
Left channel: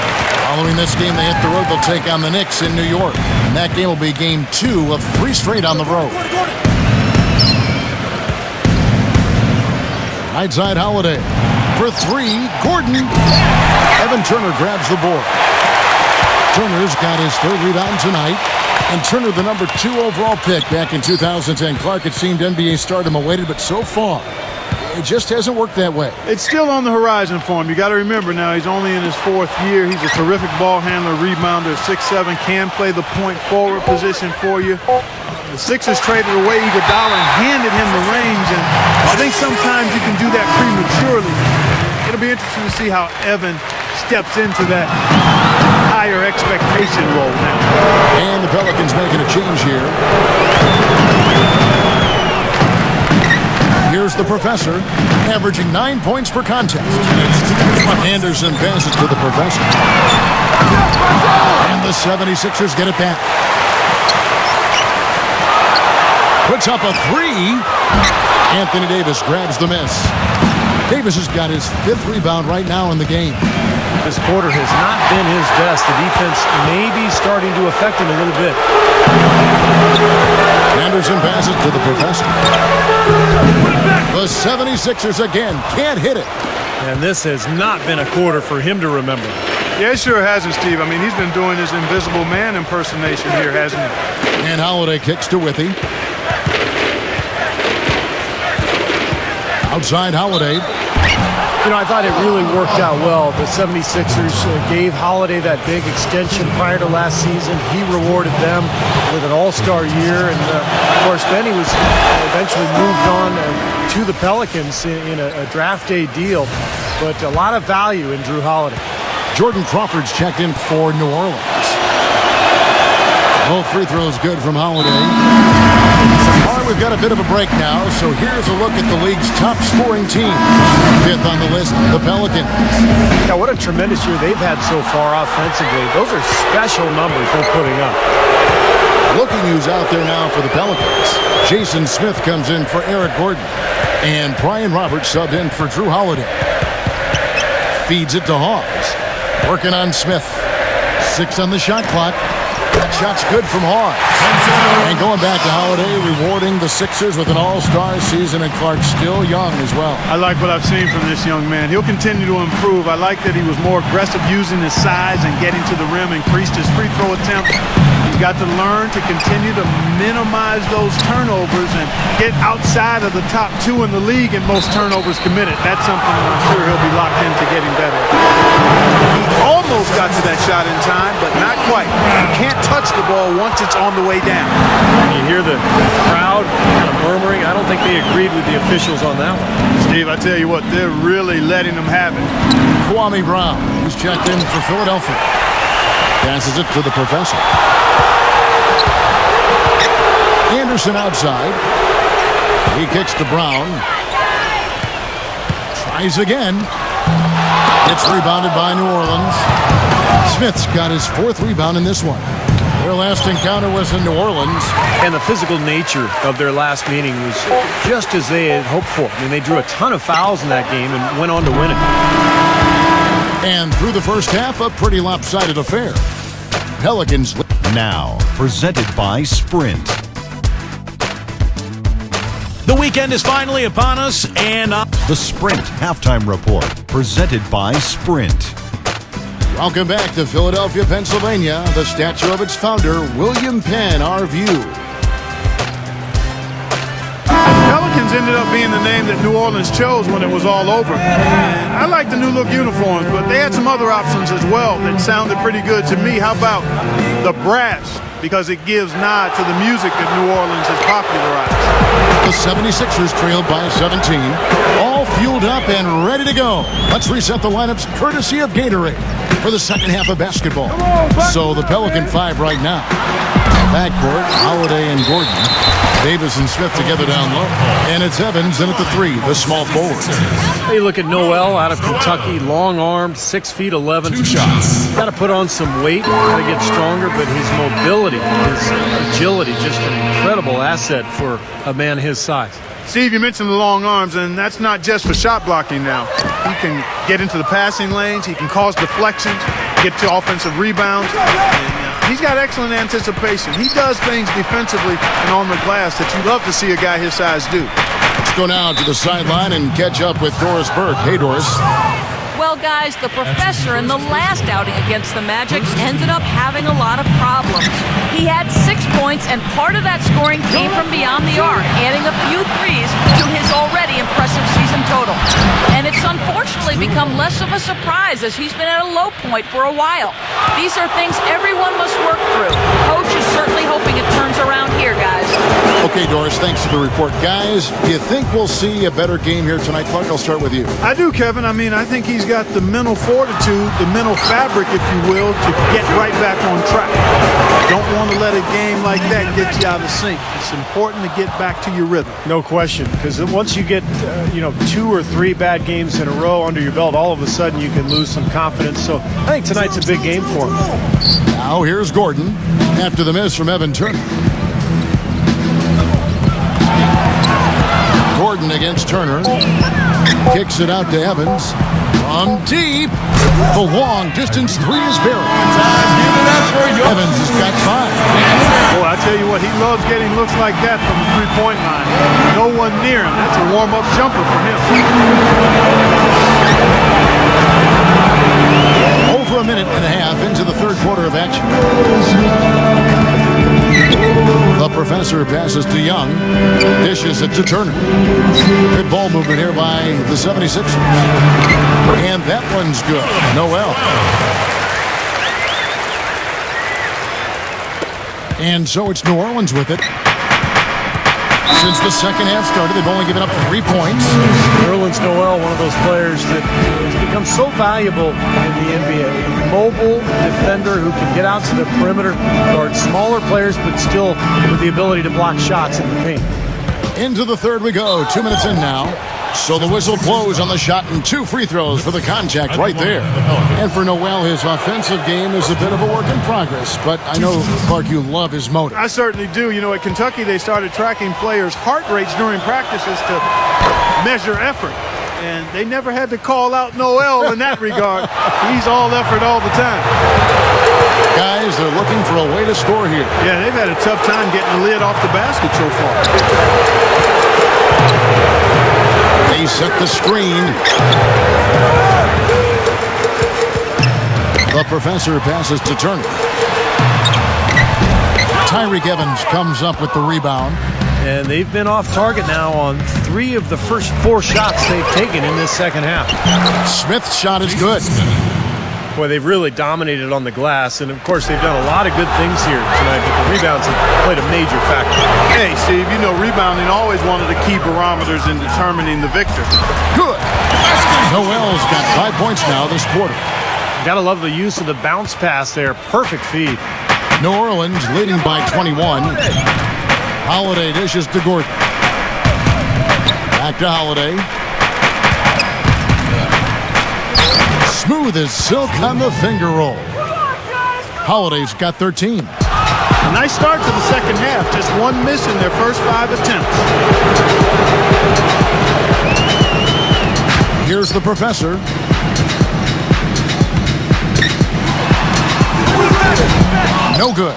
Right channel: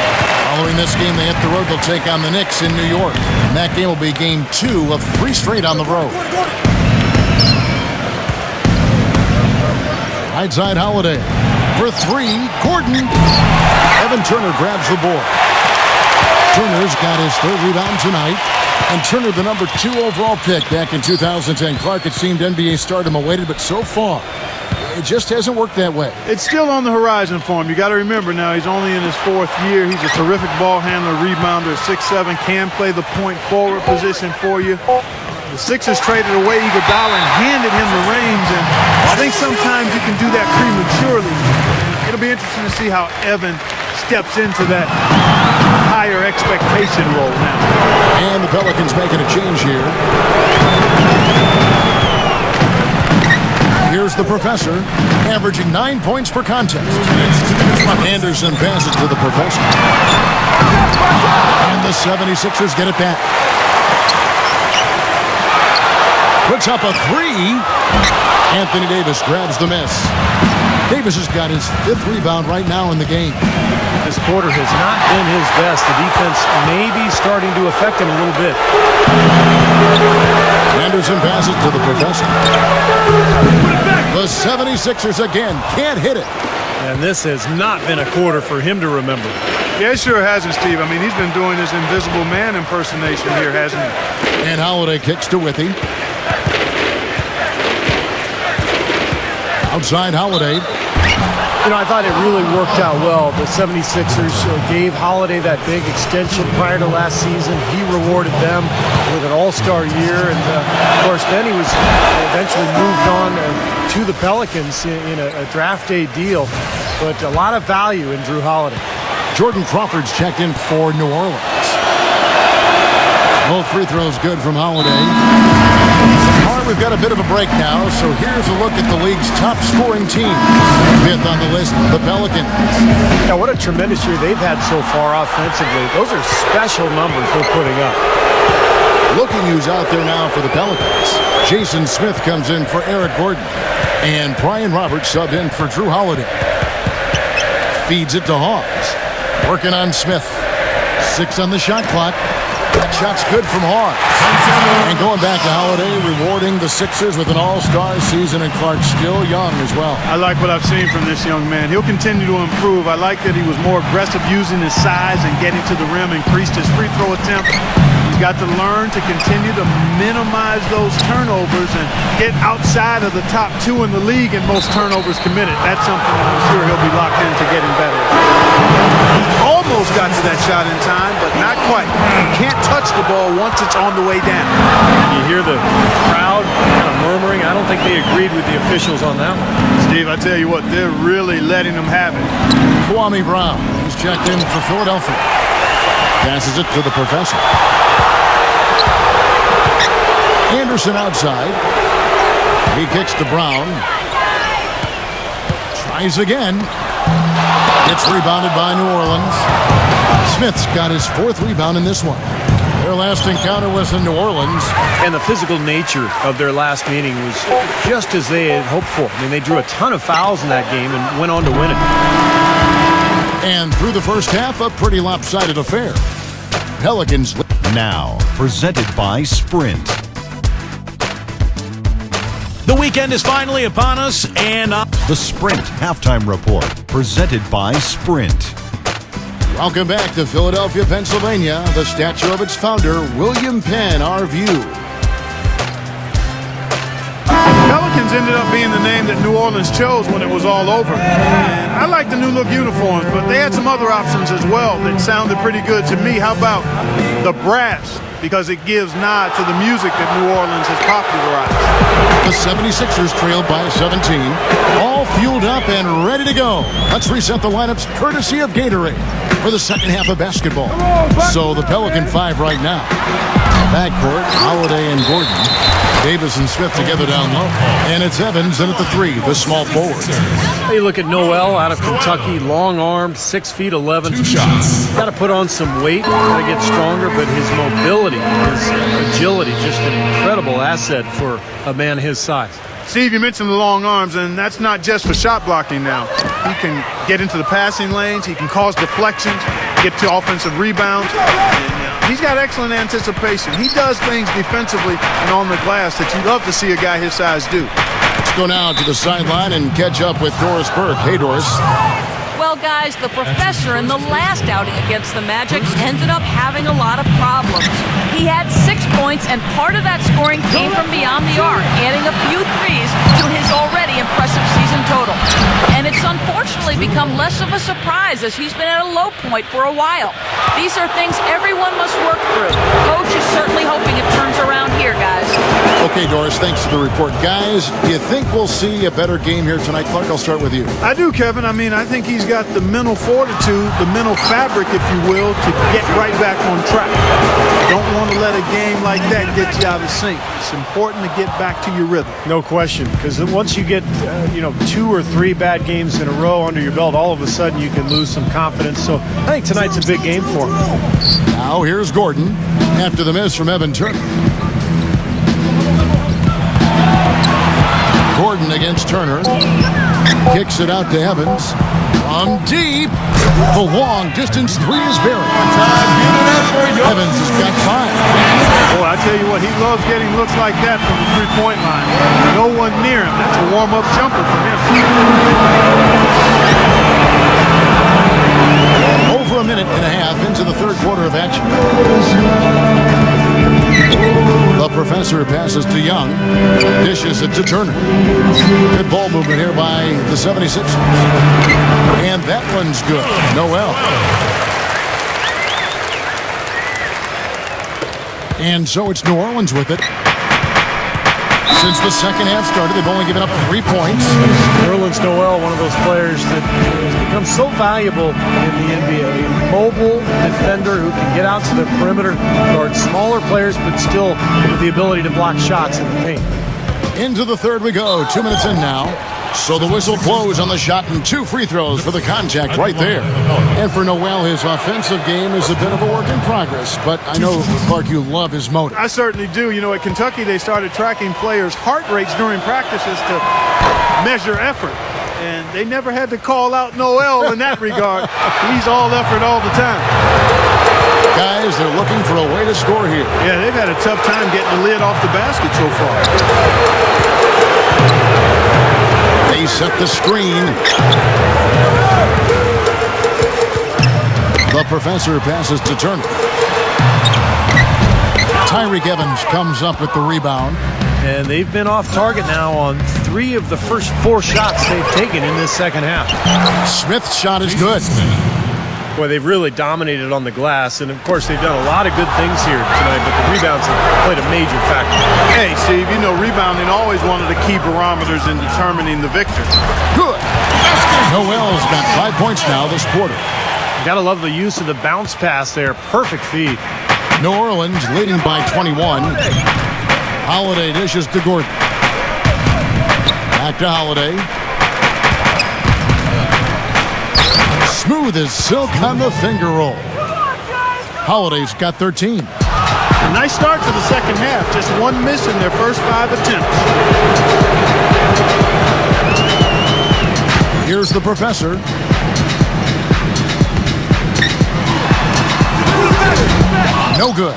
Following this game, they hit the road. They'll take on the Knicks in New York. And that game will be game 2 of 3 straight on the road. Right side Holiday. For 3, Gordon. Evan Turner grabs the board. Turner's got his 3rd rebound tonight. And Turner, the number 2 overall pick back in 2010. Clark, it seemed NBA stardom awaited, but so far, it just hasn't worked that way. It's still on the horizon for him. You got to remember now, he's only in his 4th year. He's a terrific ball handler, rebounder, 6'7", can play the point forward position for you. The Sixers traded away Iguodala and handed him the reins, and I think sometimes you can do that prematurely. And it'll be interesting to see how Evan steps into that higher expectation role now. And the Pelicans making a change here. Here's the professor, averaging 9 points per contest. Anderson passes to the professor. And the 76ers get it back. Puts up a 3. Anthony Davis grabs the miss. Davis has got his 5th rebound right now in the game. This quarter has not been his best. The defense may be starting to affect him a little bit. Anderson passes to the professor. The 76ers again can't hit it. And this has not been a quarter for him to remember. Yeah, it sure hasn't, Steve. I mean, he's been doing his invisible man impersonation here, hasn't he? And Holiday kicks to Withy. Outside Holiday. You know, I thought it really worked out well. The 76ers gave Holiday that big extension prior to last season. He rewarded them with an all-star year. And, of course, then he was eventually moved on to the Pelicans in a draft day deal. but a lot of value in Drew Holiday. Jordan Crawford's checked in for New Orleans. Both free throws good from Holiday. All right, we've got a bit of a break now, so here's a look at the league's top scoring team. Fifth on the list, the Pelicans. Yeah, what a tremendous year they've had so far offensively. Those are special numbers they're putting up. Looking who's out there now for the Pelicans. Jason Smith comes in for Eric Gordon. And Brian Roberts subbed in for Drew Holiday. Feeds it to Hawes. Working on Smith. 6 on the shot clock. That shot's good from Hawes. And going back to Holiday, rewarding the Sixers with an all-star season, and Clark still young as well. I like what I've seen from this young man. He'll continue to improve. I like that he was more aggressive using his size and getting to the rim, increased his free throw attempt. He's got to learn to continue to minimize those turnovers and get outside of the top 2 in the league in most turnovers committed. That's something that I'm sure he'll be locked into getting better. He almost got to that shot in time, but not quite. You can't touch the ball once it's on the way down. And you hear the crowd kind of murmuring. I don't think they agreed with the officials on that one. Steve, I tell you what, they're really letting them have it. Kwame Brown, he's checked in for Philadelphia. Passes it to the professor. Anderson outside. He kicks to Brown. Tries again. It's rebounded by New Orleans. Smith's got his 4th rebound in this one. Their last encounter was in New Orleans. And the physical nature of their last meeting was just as they had hoped for. I mean, they drew a ton of fouls in that game and went on to win it. And through the first half, a pretty lopsided affair. Pelicans. Now, presented by Sprint. The weekend is finally upon us, and The Sprint Halftime Report, presented by Sprint. Welcome back to Philadelphia, Pennsylvania. The statue of its founder, William Penn, our view. Pelicans ended up being the name that New Orleans chose when it was all over. And I like the new look uniforms, but they had some other options as well that sounded pretty good to me. How about the brass? Because it gives nod to the music that New Orleans has popularized. The 76ers trailed by 17. All fueled up and ready to go. Let's reset the lineups courtesy of Gatorade for the second half of basketball. So the Pelican 5 right now. Backcourt, Holiday and Gordon. Davis and Smith together down low. And it's Evans in at the 3, the small forward. Hey, look at Noel out of Kentucky, long-armed, 6'11". Got to put on some weight, got to get stronger, but his mobility, his agility, just an incredible asset for a man his size. Steve, you mentioned the long arms, and that's not just for shot blocking now. He can get into the passing lanes. He can cause deflections, get to offensive rebounds. And he's got excellent anticipation. He does things defensively and on the glass that you love to see a guy his size do. Let's go now to the sideline and catch up with Doris Burke. Hey, Doris. Well, guys, the professor in the last outing against the Magic ended up having a lot of problems. He had 6 points, and part of that scoring came from beyond the arc, adding a few threes to his already impressive season total. And it's unfortunately become less of a surprise as he's been at a low point for a while. These are things everyone must work through. Coach is certainly hoping it turns around here, guys. Okay, Doris, thanks for the report. Guys, do you think we'll see a better game here tonight? Clark, I'll start with you. I do, Kevin. I mean, I think he's got the mental fortitude, the mental fabric, if you will, to get right back on track. Don't want to let a game like that get you out of sync. It's important to get back to your rhythm. No question, because once you get 2 or 3 bad games in a row under your belt, all of a sudden you can lose some confidence. So I think tonight's a big game for him. Now here's Gordon after the miss from Evan Turner. Gordon against Turner. Kicks it out to Evans. From deep. The long distance 3 is buried. Evans has got 5. Boy, I tell you what, he loves getting looks like that from the three-point line. No one near him. That's a warm-up jumper for him. Over a minute and a half into the third quarter of action. The professor passes to Young. Dishes it to Turner. Good ball movement here by the 76ers. And that one's good. Noel. And so it's New Orleans with it. Since the second half started, they've only given up 3 points. Nerlens Noel, one of those players that has become so valuable in the NBA. A mobile defender who can get out to the perimeter, guard smaller players, but still with the ability to block shots in the paint. Into the third we go. 2 minutes in now. So the whistle blows on the shot and 2 free throws for the contact right there. And for Noel, his offensive game is a bit of a work in progress. But I know, Clark, you love his motor. I certainly do. You know, at Kentucky, they started tracking players' heart rates during practices to measure effort. And they never had to call out Noel in that regard. He's all effort all the time. Guys, they're looking for a way to score here. Yeah, they've had a tough time getting the lid off the basket so far. They set the screen. The professor passes to Turner. Tyreek Evans comes up with the rebound. And they've been off target now on 3 of the first 4 shots they've taken in this second half. Smith's shot is good. Boy, they've really dominated on the glass, and of course they've done a lot of good things here tonight, but the rebounds have played a major factor. Hey, Steve, you know rebounding always one of the key barometers in determining the victor. Good. Noel's got 5 points now this quarter. Gotta love the use of the bounce pass there. Perfect feed. New Orleans leading by 21. Holiday dishes to Gordon. Back to Holiday. Smooth as silk on the finger roll. Holiday's got 13. A nice start to the second half. Just 1 miss in their first 5 attempts. Here's the professor. No good.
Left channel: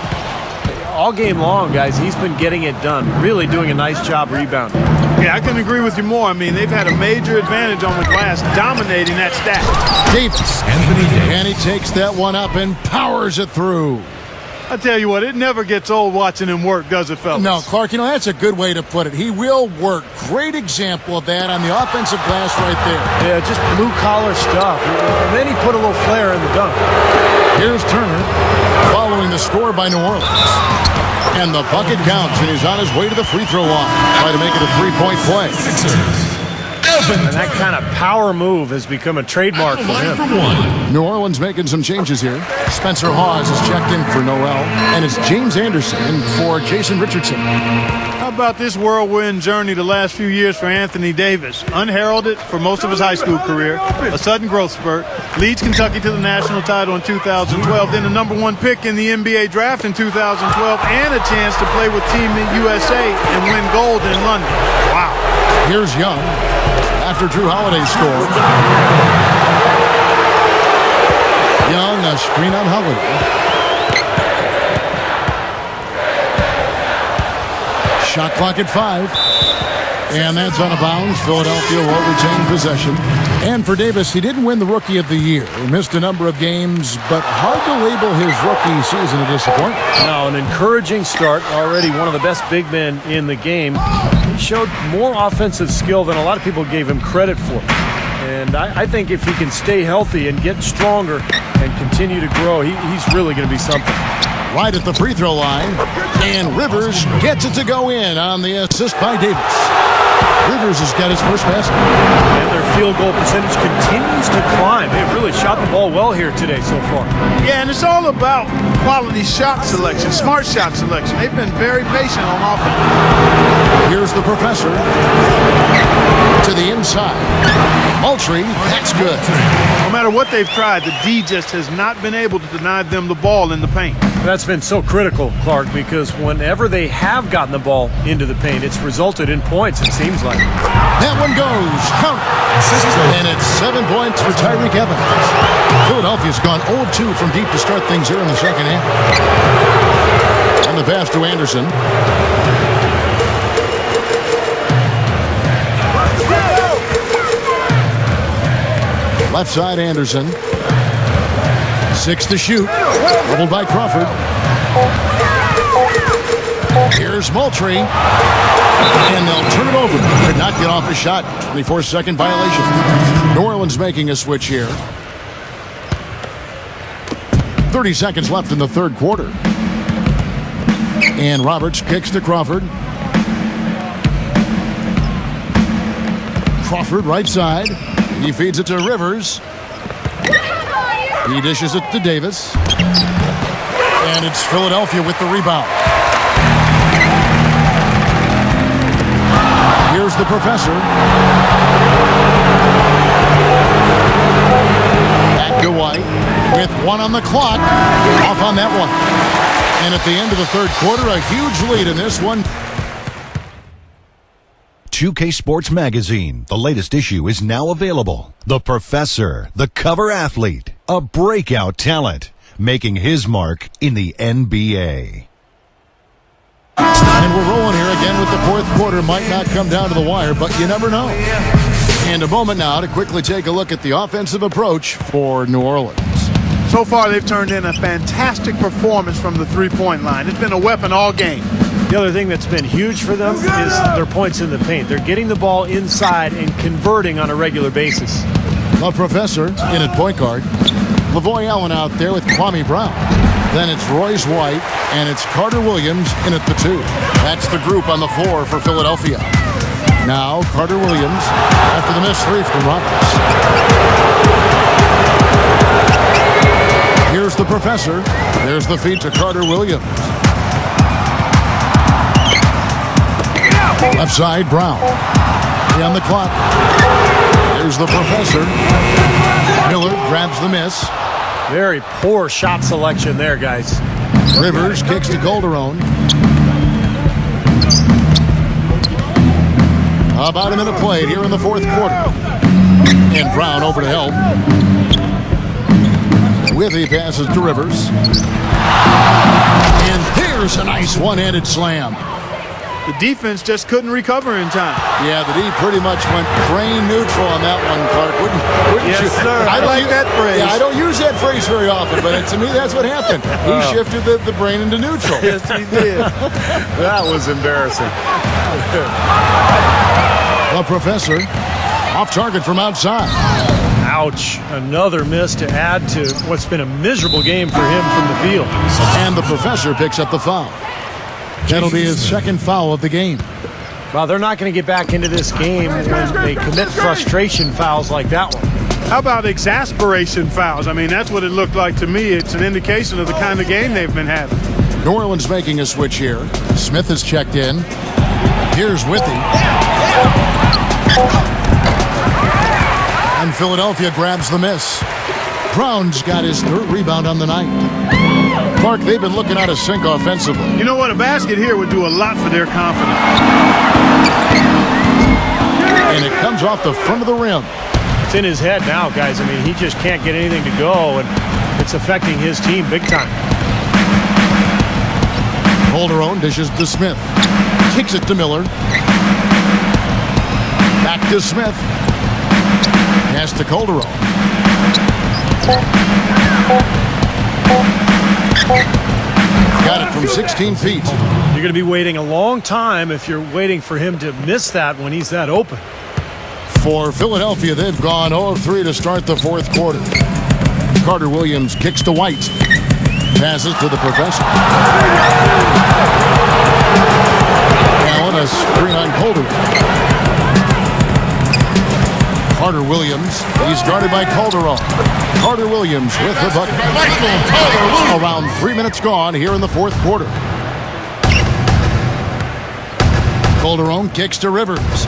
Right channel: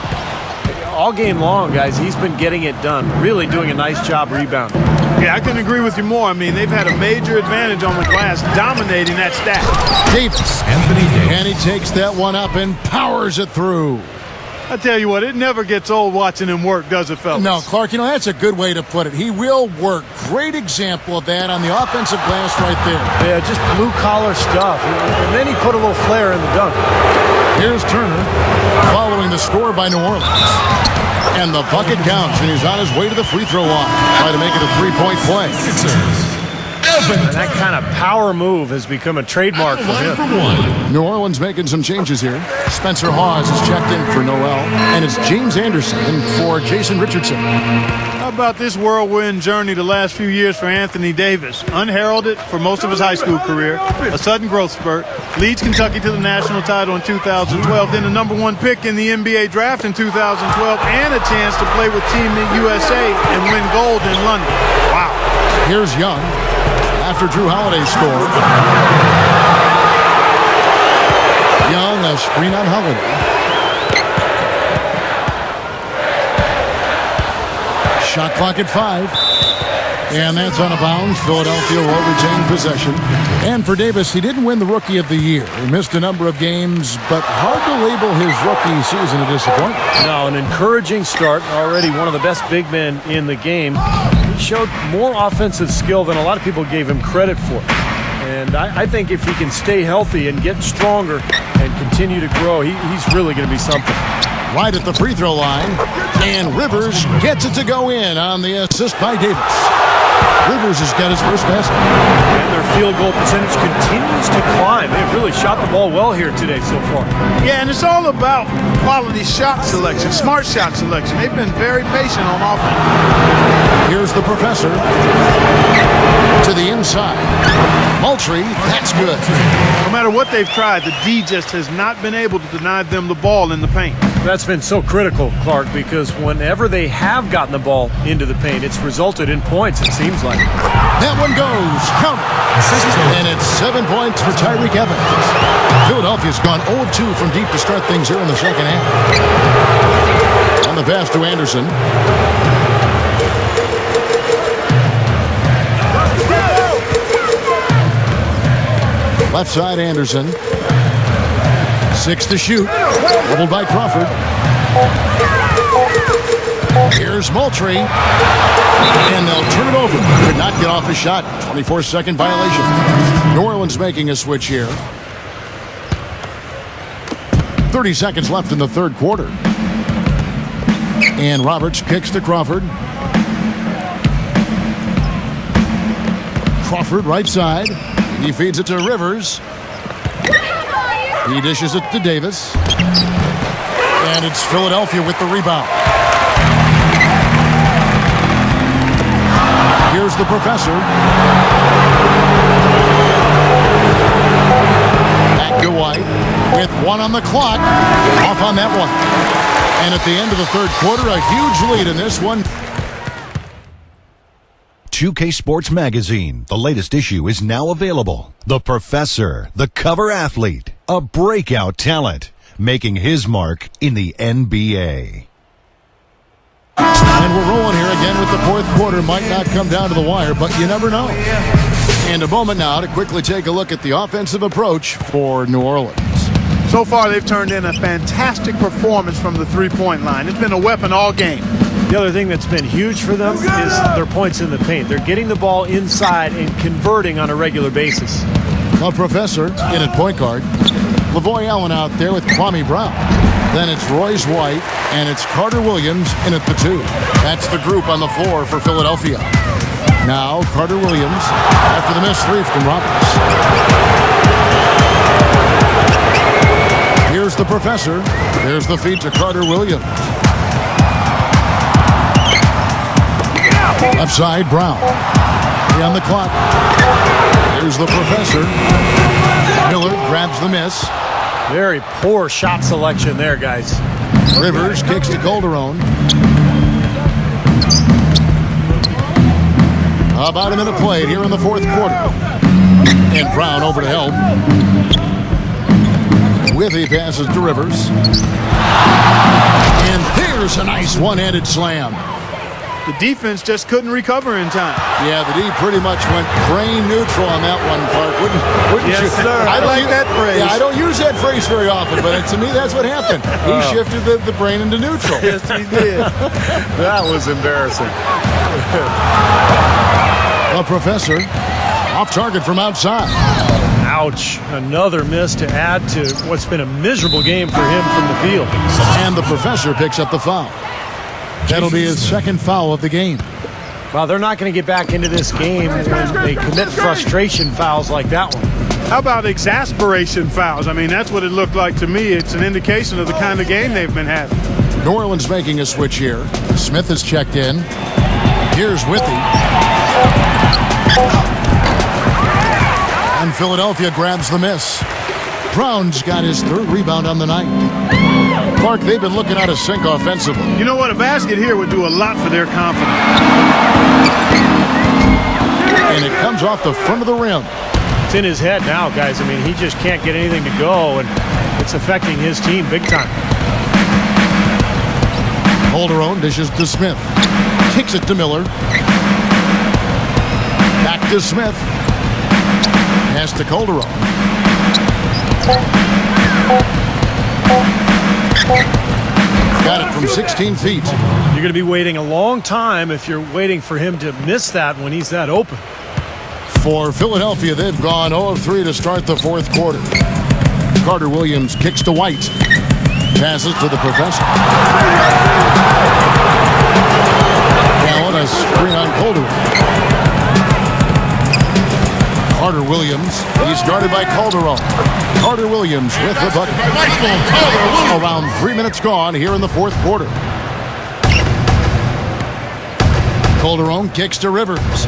All game long, guys, he's been getting it done. Really doing a nice job rebounding. Yeah, I couldn't agree with you more. I mean, they've had a major advantage on the glass, dominating that stack. Davis. And he takes that one up and powers it through. I tell you what, it never gets old watching him work, does it, fellas? No, Clark, you know, that's a good way to put it. He will work. Great example of that on the offensive glass right there. Yeah, just blue-collar stuff. And then he put a little flair in the dunk. Here's Turner following the score by New Orleans. And the bucket counts, and he's on his way to the free throw line. Try to make it a 3-point play. And that kind of power move has become a trademark for him. New Orleans making some changes here. Spencer Hawes is checked in for Noel, and it's James Anderson in for Jason Richardson. How about this whirlwind journey the last few years for Anthony Davis? Unheralded for most of his high school career, a sudden growth spurt, leads Kentucky to the national title in 2012, then the #1 pick in the NBA draft in 2012, and a chance to play with Team USA and win gold in London. Wow. Here's Young after Drew Holiday's score. Young, a screen on Holiday. Shot clock at 5. And that's out of bounds. Philadelphia will retain possession. And for Davis, he didn't win the Rookie of the Year. Missed a number of games, but hard to label his rookie season a disappointment. No, an encouraging start. Already one of the best big men in the game. He showed more offensive skill than a lot of people gave him credit for. And I think if he can stay healthy and get stronger and continue to grow, he's really going to be something. Right at the free throw line. And Rivers gets it to go in on the assist by Davis. Rivers has got his first basket. And their field goal percentage continues to climb. They've really shot the ball well here today so far. Yeah, and it's all about quality shot selection, smart shot selection. They've been very patient on offense. Here's the professor. To the inside. Moultrie, that's good. No matter what they've tried, the D just has not been able to deny them the ball in the paint. That's been so critical, Clark, because whenever they have gotten the ball into the paint, it's resulted in points, it seems like. That one goes. Count it. And it's 7 points for Tyreek Evans. Philadelphia's gone 0 of 2 from deep to start things here in the second half. And the pass to Anderson. Left side, Anderson. 6 to shoot. Doubled by Crawford. Here's Moultrie. And they'll turn it over. Could not get off a shot. 24-second violation. New Orleans making a switch here. 30 seconds left in the third quarter. And Roberts kicks to Crawford. Crawford right side. He feeds it to Rivers. He dishes it to Davis. And it's Philadelphia with the rebound. Here's the professor. Back to White with 1 on the clock. Off on that one. And at the end of the third quarter, a huge lead in this one. 2K Sports Magazine, the latest issue, is now available. The Professor, the cover athlete, a breakout talent, making his mark in the NBA. And we're rolling here again with the fourth quarter. Might not come down to the wire, but you never know. And a moment now to quickly take a look at the offensive approach for New Orleans. So far, they've turned in a fantastic performance from the three-point line. It's been a weapon all game. The other thing that's been huge for them is their points in the paint. They're getting the ball inside and converting on a regular basis. The professor in at point guard. Lavoy Allen out there with Kwame Brown. Then it's Royce White, and it's Carter Williams in at the 2. That's the group on the floor for Philadelphia. Now Carter Williams after the missed 3 from Roberts. Here's the professor. There's the feed to Carter Williams. Left side, Brown. On the clock. Here's the professor. Miller grabs the miss. Very poor shot selection there, guys. Rivers kicks to Calderon. About a minute played here in the fourth quarter. And Brown over to help. Withy passes to Rivers. And there's a nice one-handed slam. The defense just couldn't recover in time. Yeah, the D pretty much went brain neutral on that one, Clark. Wouldn't yes, you? Sir. I like that phrase. Yeah, I don't use that phrase very often, but to me, that's what happened. He shifted the brain into neutral. Yes, he did. That was embarrassing. The professor off target from outside. Ouch. Another miss to add to what's been a miserable game for him from the field. And the professor picks up the foul. That'll be his second foul of the game. Well, they're not going to get back into this game when they commit frustration fouls like that one. How about exasperation fouls? I mean, that's what it looked like to me. It's an indication of the kind of game they've been having. New Orleans making a switch here. Smith has checked in. Here's Withy. And Philadelphia grabs the miss. Brown's got his third rebound on the night. Clark, they've been looking out of sync offensively. You know what? A basket here would do a lot for their confidence. And it comes off the front of the rim. It's in his head now, guys. I mean, he just can't get anything to go, and it's affecting his team big time. Calderon dishes to Smith. Kicks it to Miller. Back to Smith. Pass to Calderon. Got it from 16 feet. You're going to be waiting a long time if you're waiting for him to miss that when he's that open. For Philadelphia, they've gone 0 of 3 to start the fourth quarter. Carter Williams kicks to White. Passes to the professor. Allen, a screen on Calderon. Carter Williams, he's guarded by Calderon. Carter Williams with the bucket. Around 3 minutes gone here in the fourth quarter. Calderon kicks to Rivers.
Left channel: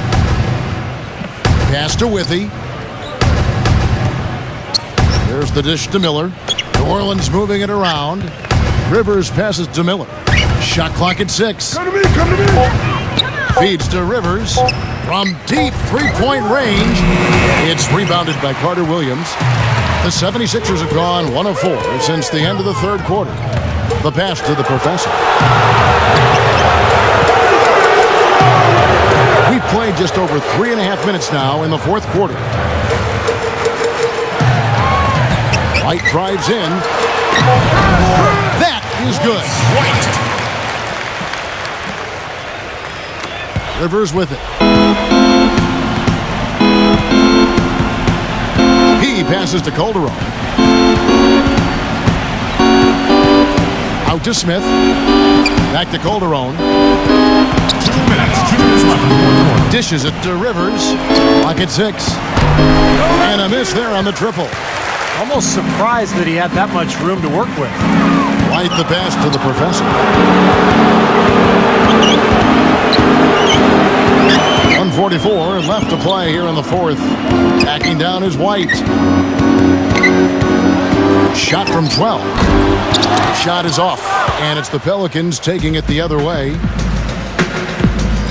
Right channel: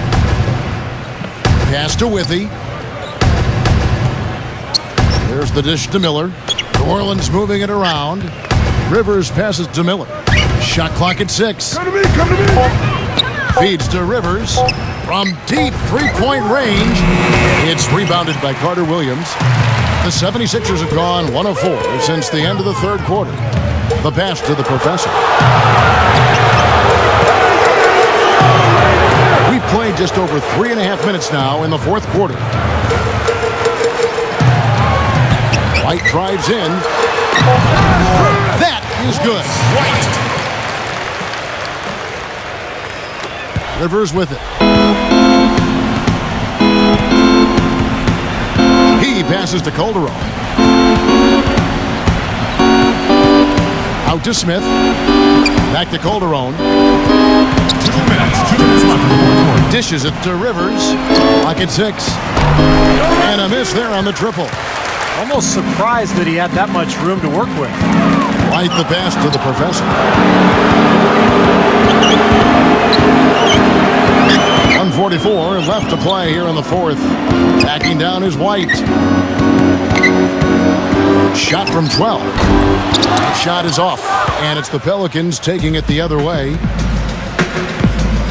Pass to Withy. There's the dish to Miller. New Orleans moving it around. Rivers passes to Miller. Shot clock at 6. Come to me, come to me. Feeds to Rivers. From deep three-point range, it's rebounded by Carter Williams. The 76ers have gone 1 of 4 since the end of the third quarter. The pass to the professor. We've played just over 3.5 minutes now in the fourth quarter. White drives in. That is good. Rivers with it. He passes to Calderon. Out to Smith. Back to Calderon. Dishes it to Rivers. Lock at 6. And a miss there on the triple. Almost surprised that he had that much room to work with. White the pass to the professor. 1:44 left to play here in the fourth. Backing down is White. Shot from 12. The shot is off, and it's the Pelicans taking it the other way.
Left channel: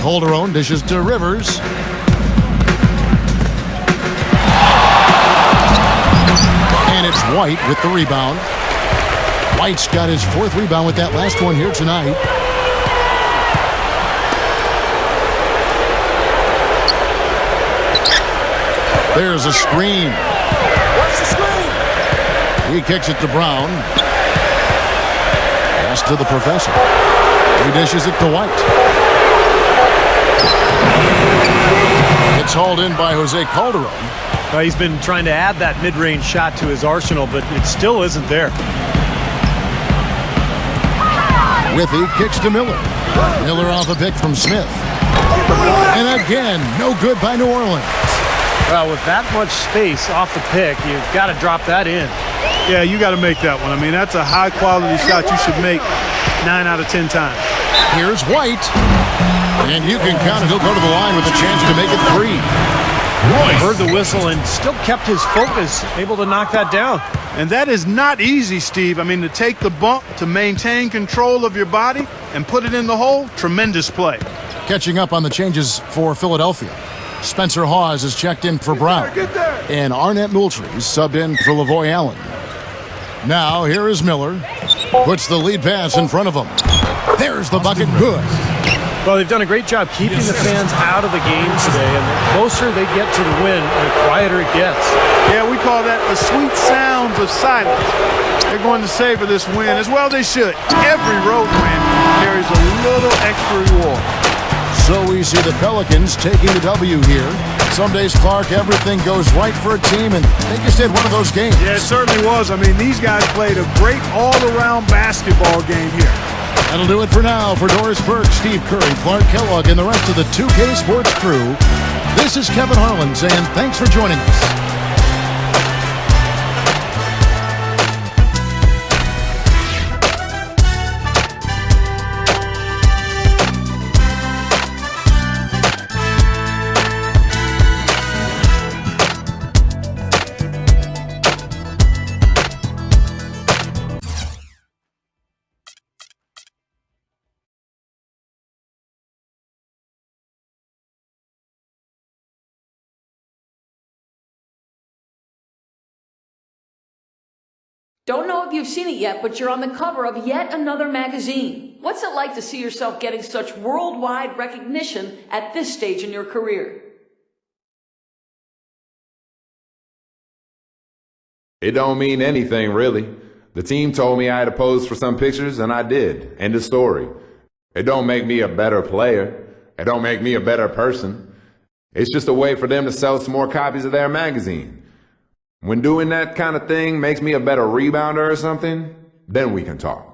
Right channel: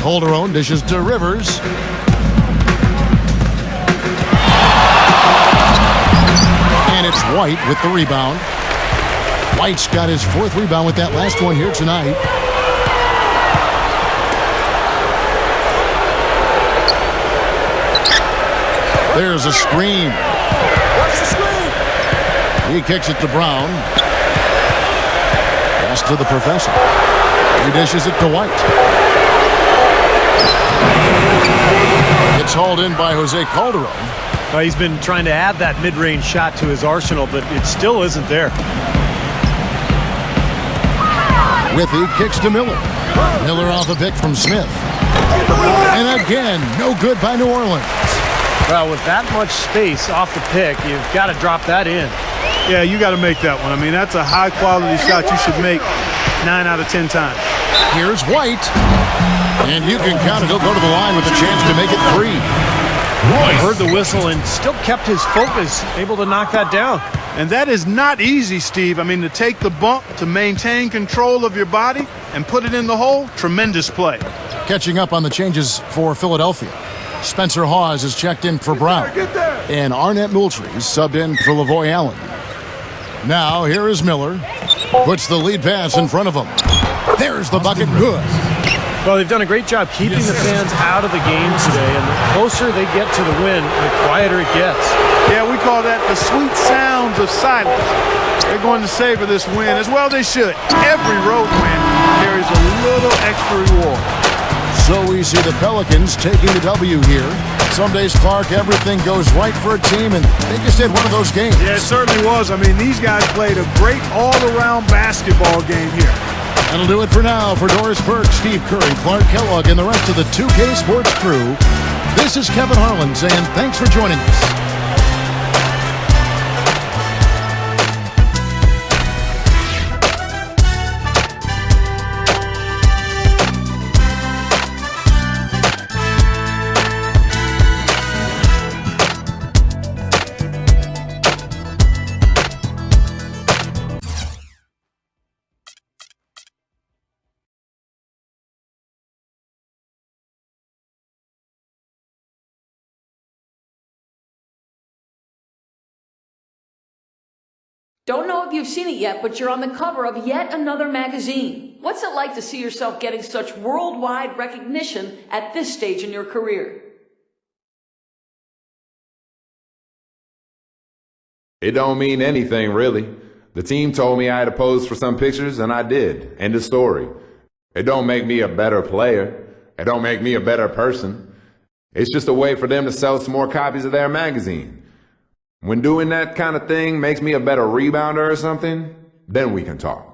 Calderon dishes to Rivers. And it's White with the rebound. White's got his 4th rebound with that last one here tonight. There's a screen. Watch the screen. He kicks it to Brown. Pass to the professor. He dishes it to White. It's hauled in by Jose Calderon. Well, he's been trying to add that mid-range shot to his arsenal, but it still isn't there. Withy kicks to Miller. Miller off a pick from Smith. And again, no good by New Orleans. Well, with that much space off the pick, you've got to drop that in. Yeah, you got to make that one. I mean, that's a high-quality shot you should make 9 out of 10 times. Here's White. And you can count it. He'll go to the line with a chance to make it 3. Heard the whistle and still kept his focus, able to knock that down. And that is not easy, Steve. I mean, to take the bump, to maintain control of your body, and put it in the hole, tremendous play. Catching up on the changes for Philadelphia. Spencer Hawes is checked in for Brown. And Arnett Moultrie subbed in for Lavoy Allen. Now, here is Miller. Puts the lead pass in front of him. There's the bucket. Good. Well, they've done a great job keeping the fans out of the game today, and the closer they get to the win, the quieter it gets. Yeah, we call that the sweet sounds of silence. They're going to savor this win, as well they should. Every road win carries a little extra reward. So we see the Pelicans taking the W here. Some days, Clark, everything goes right for a team, and they just had one of those games. Yeah, it certainly was. I mean, these guys played a great all-around basketball game here. That'll do it for now. For Doris Burke, Steve Curry, Clark Kellogg, and the rest of the 2K Sports crew, this is Kevin Harlan saying thanks for joining us. Don't know if you've seen it yet, but you're on the cover of yet another magazine. What's it like to see yourself getting such worldwide recognition at this stage in your career? It don't mean anything, really. The team told me I had to pose for some pictures, and I did. End of story. It don't make me a better player. It don't make me a better person. It's just a way for them to sell some more copies of their magazine. When doing that kind of thing makes me a better rebounder or something, then we can talk.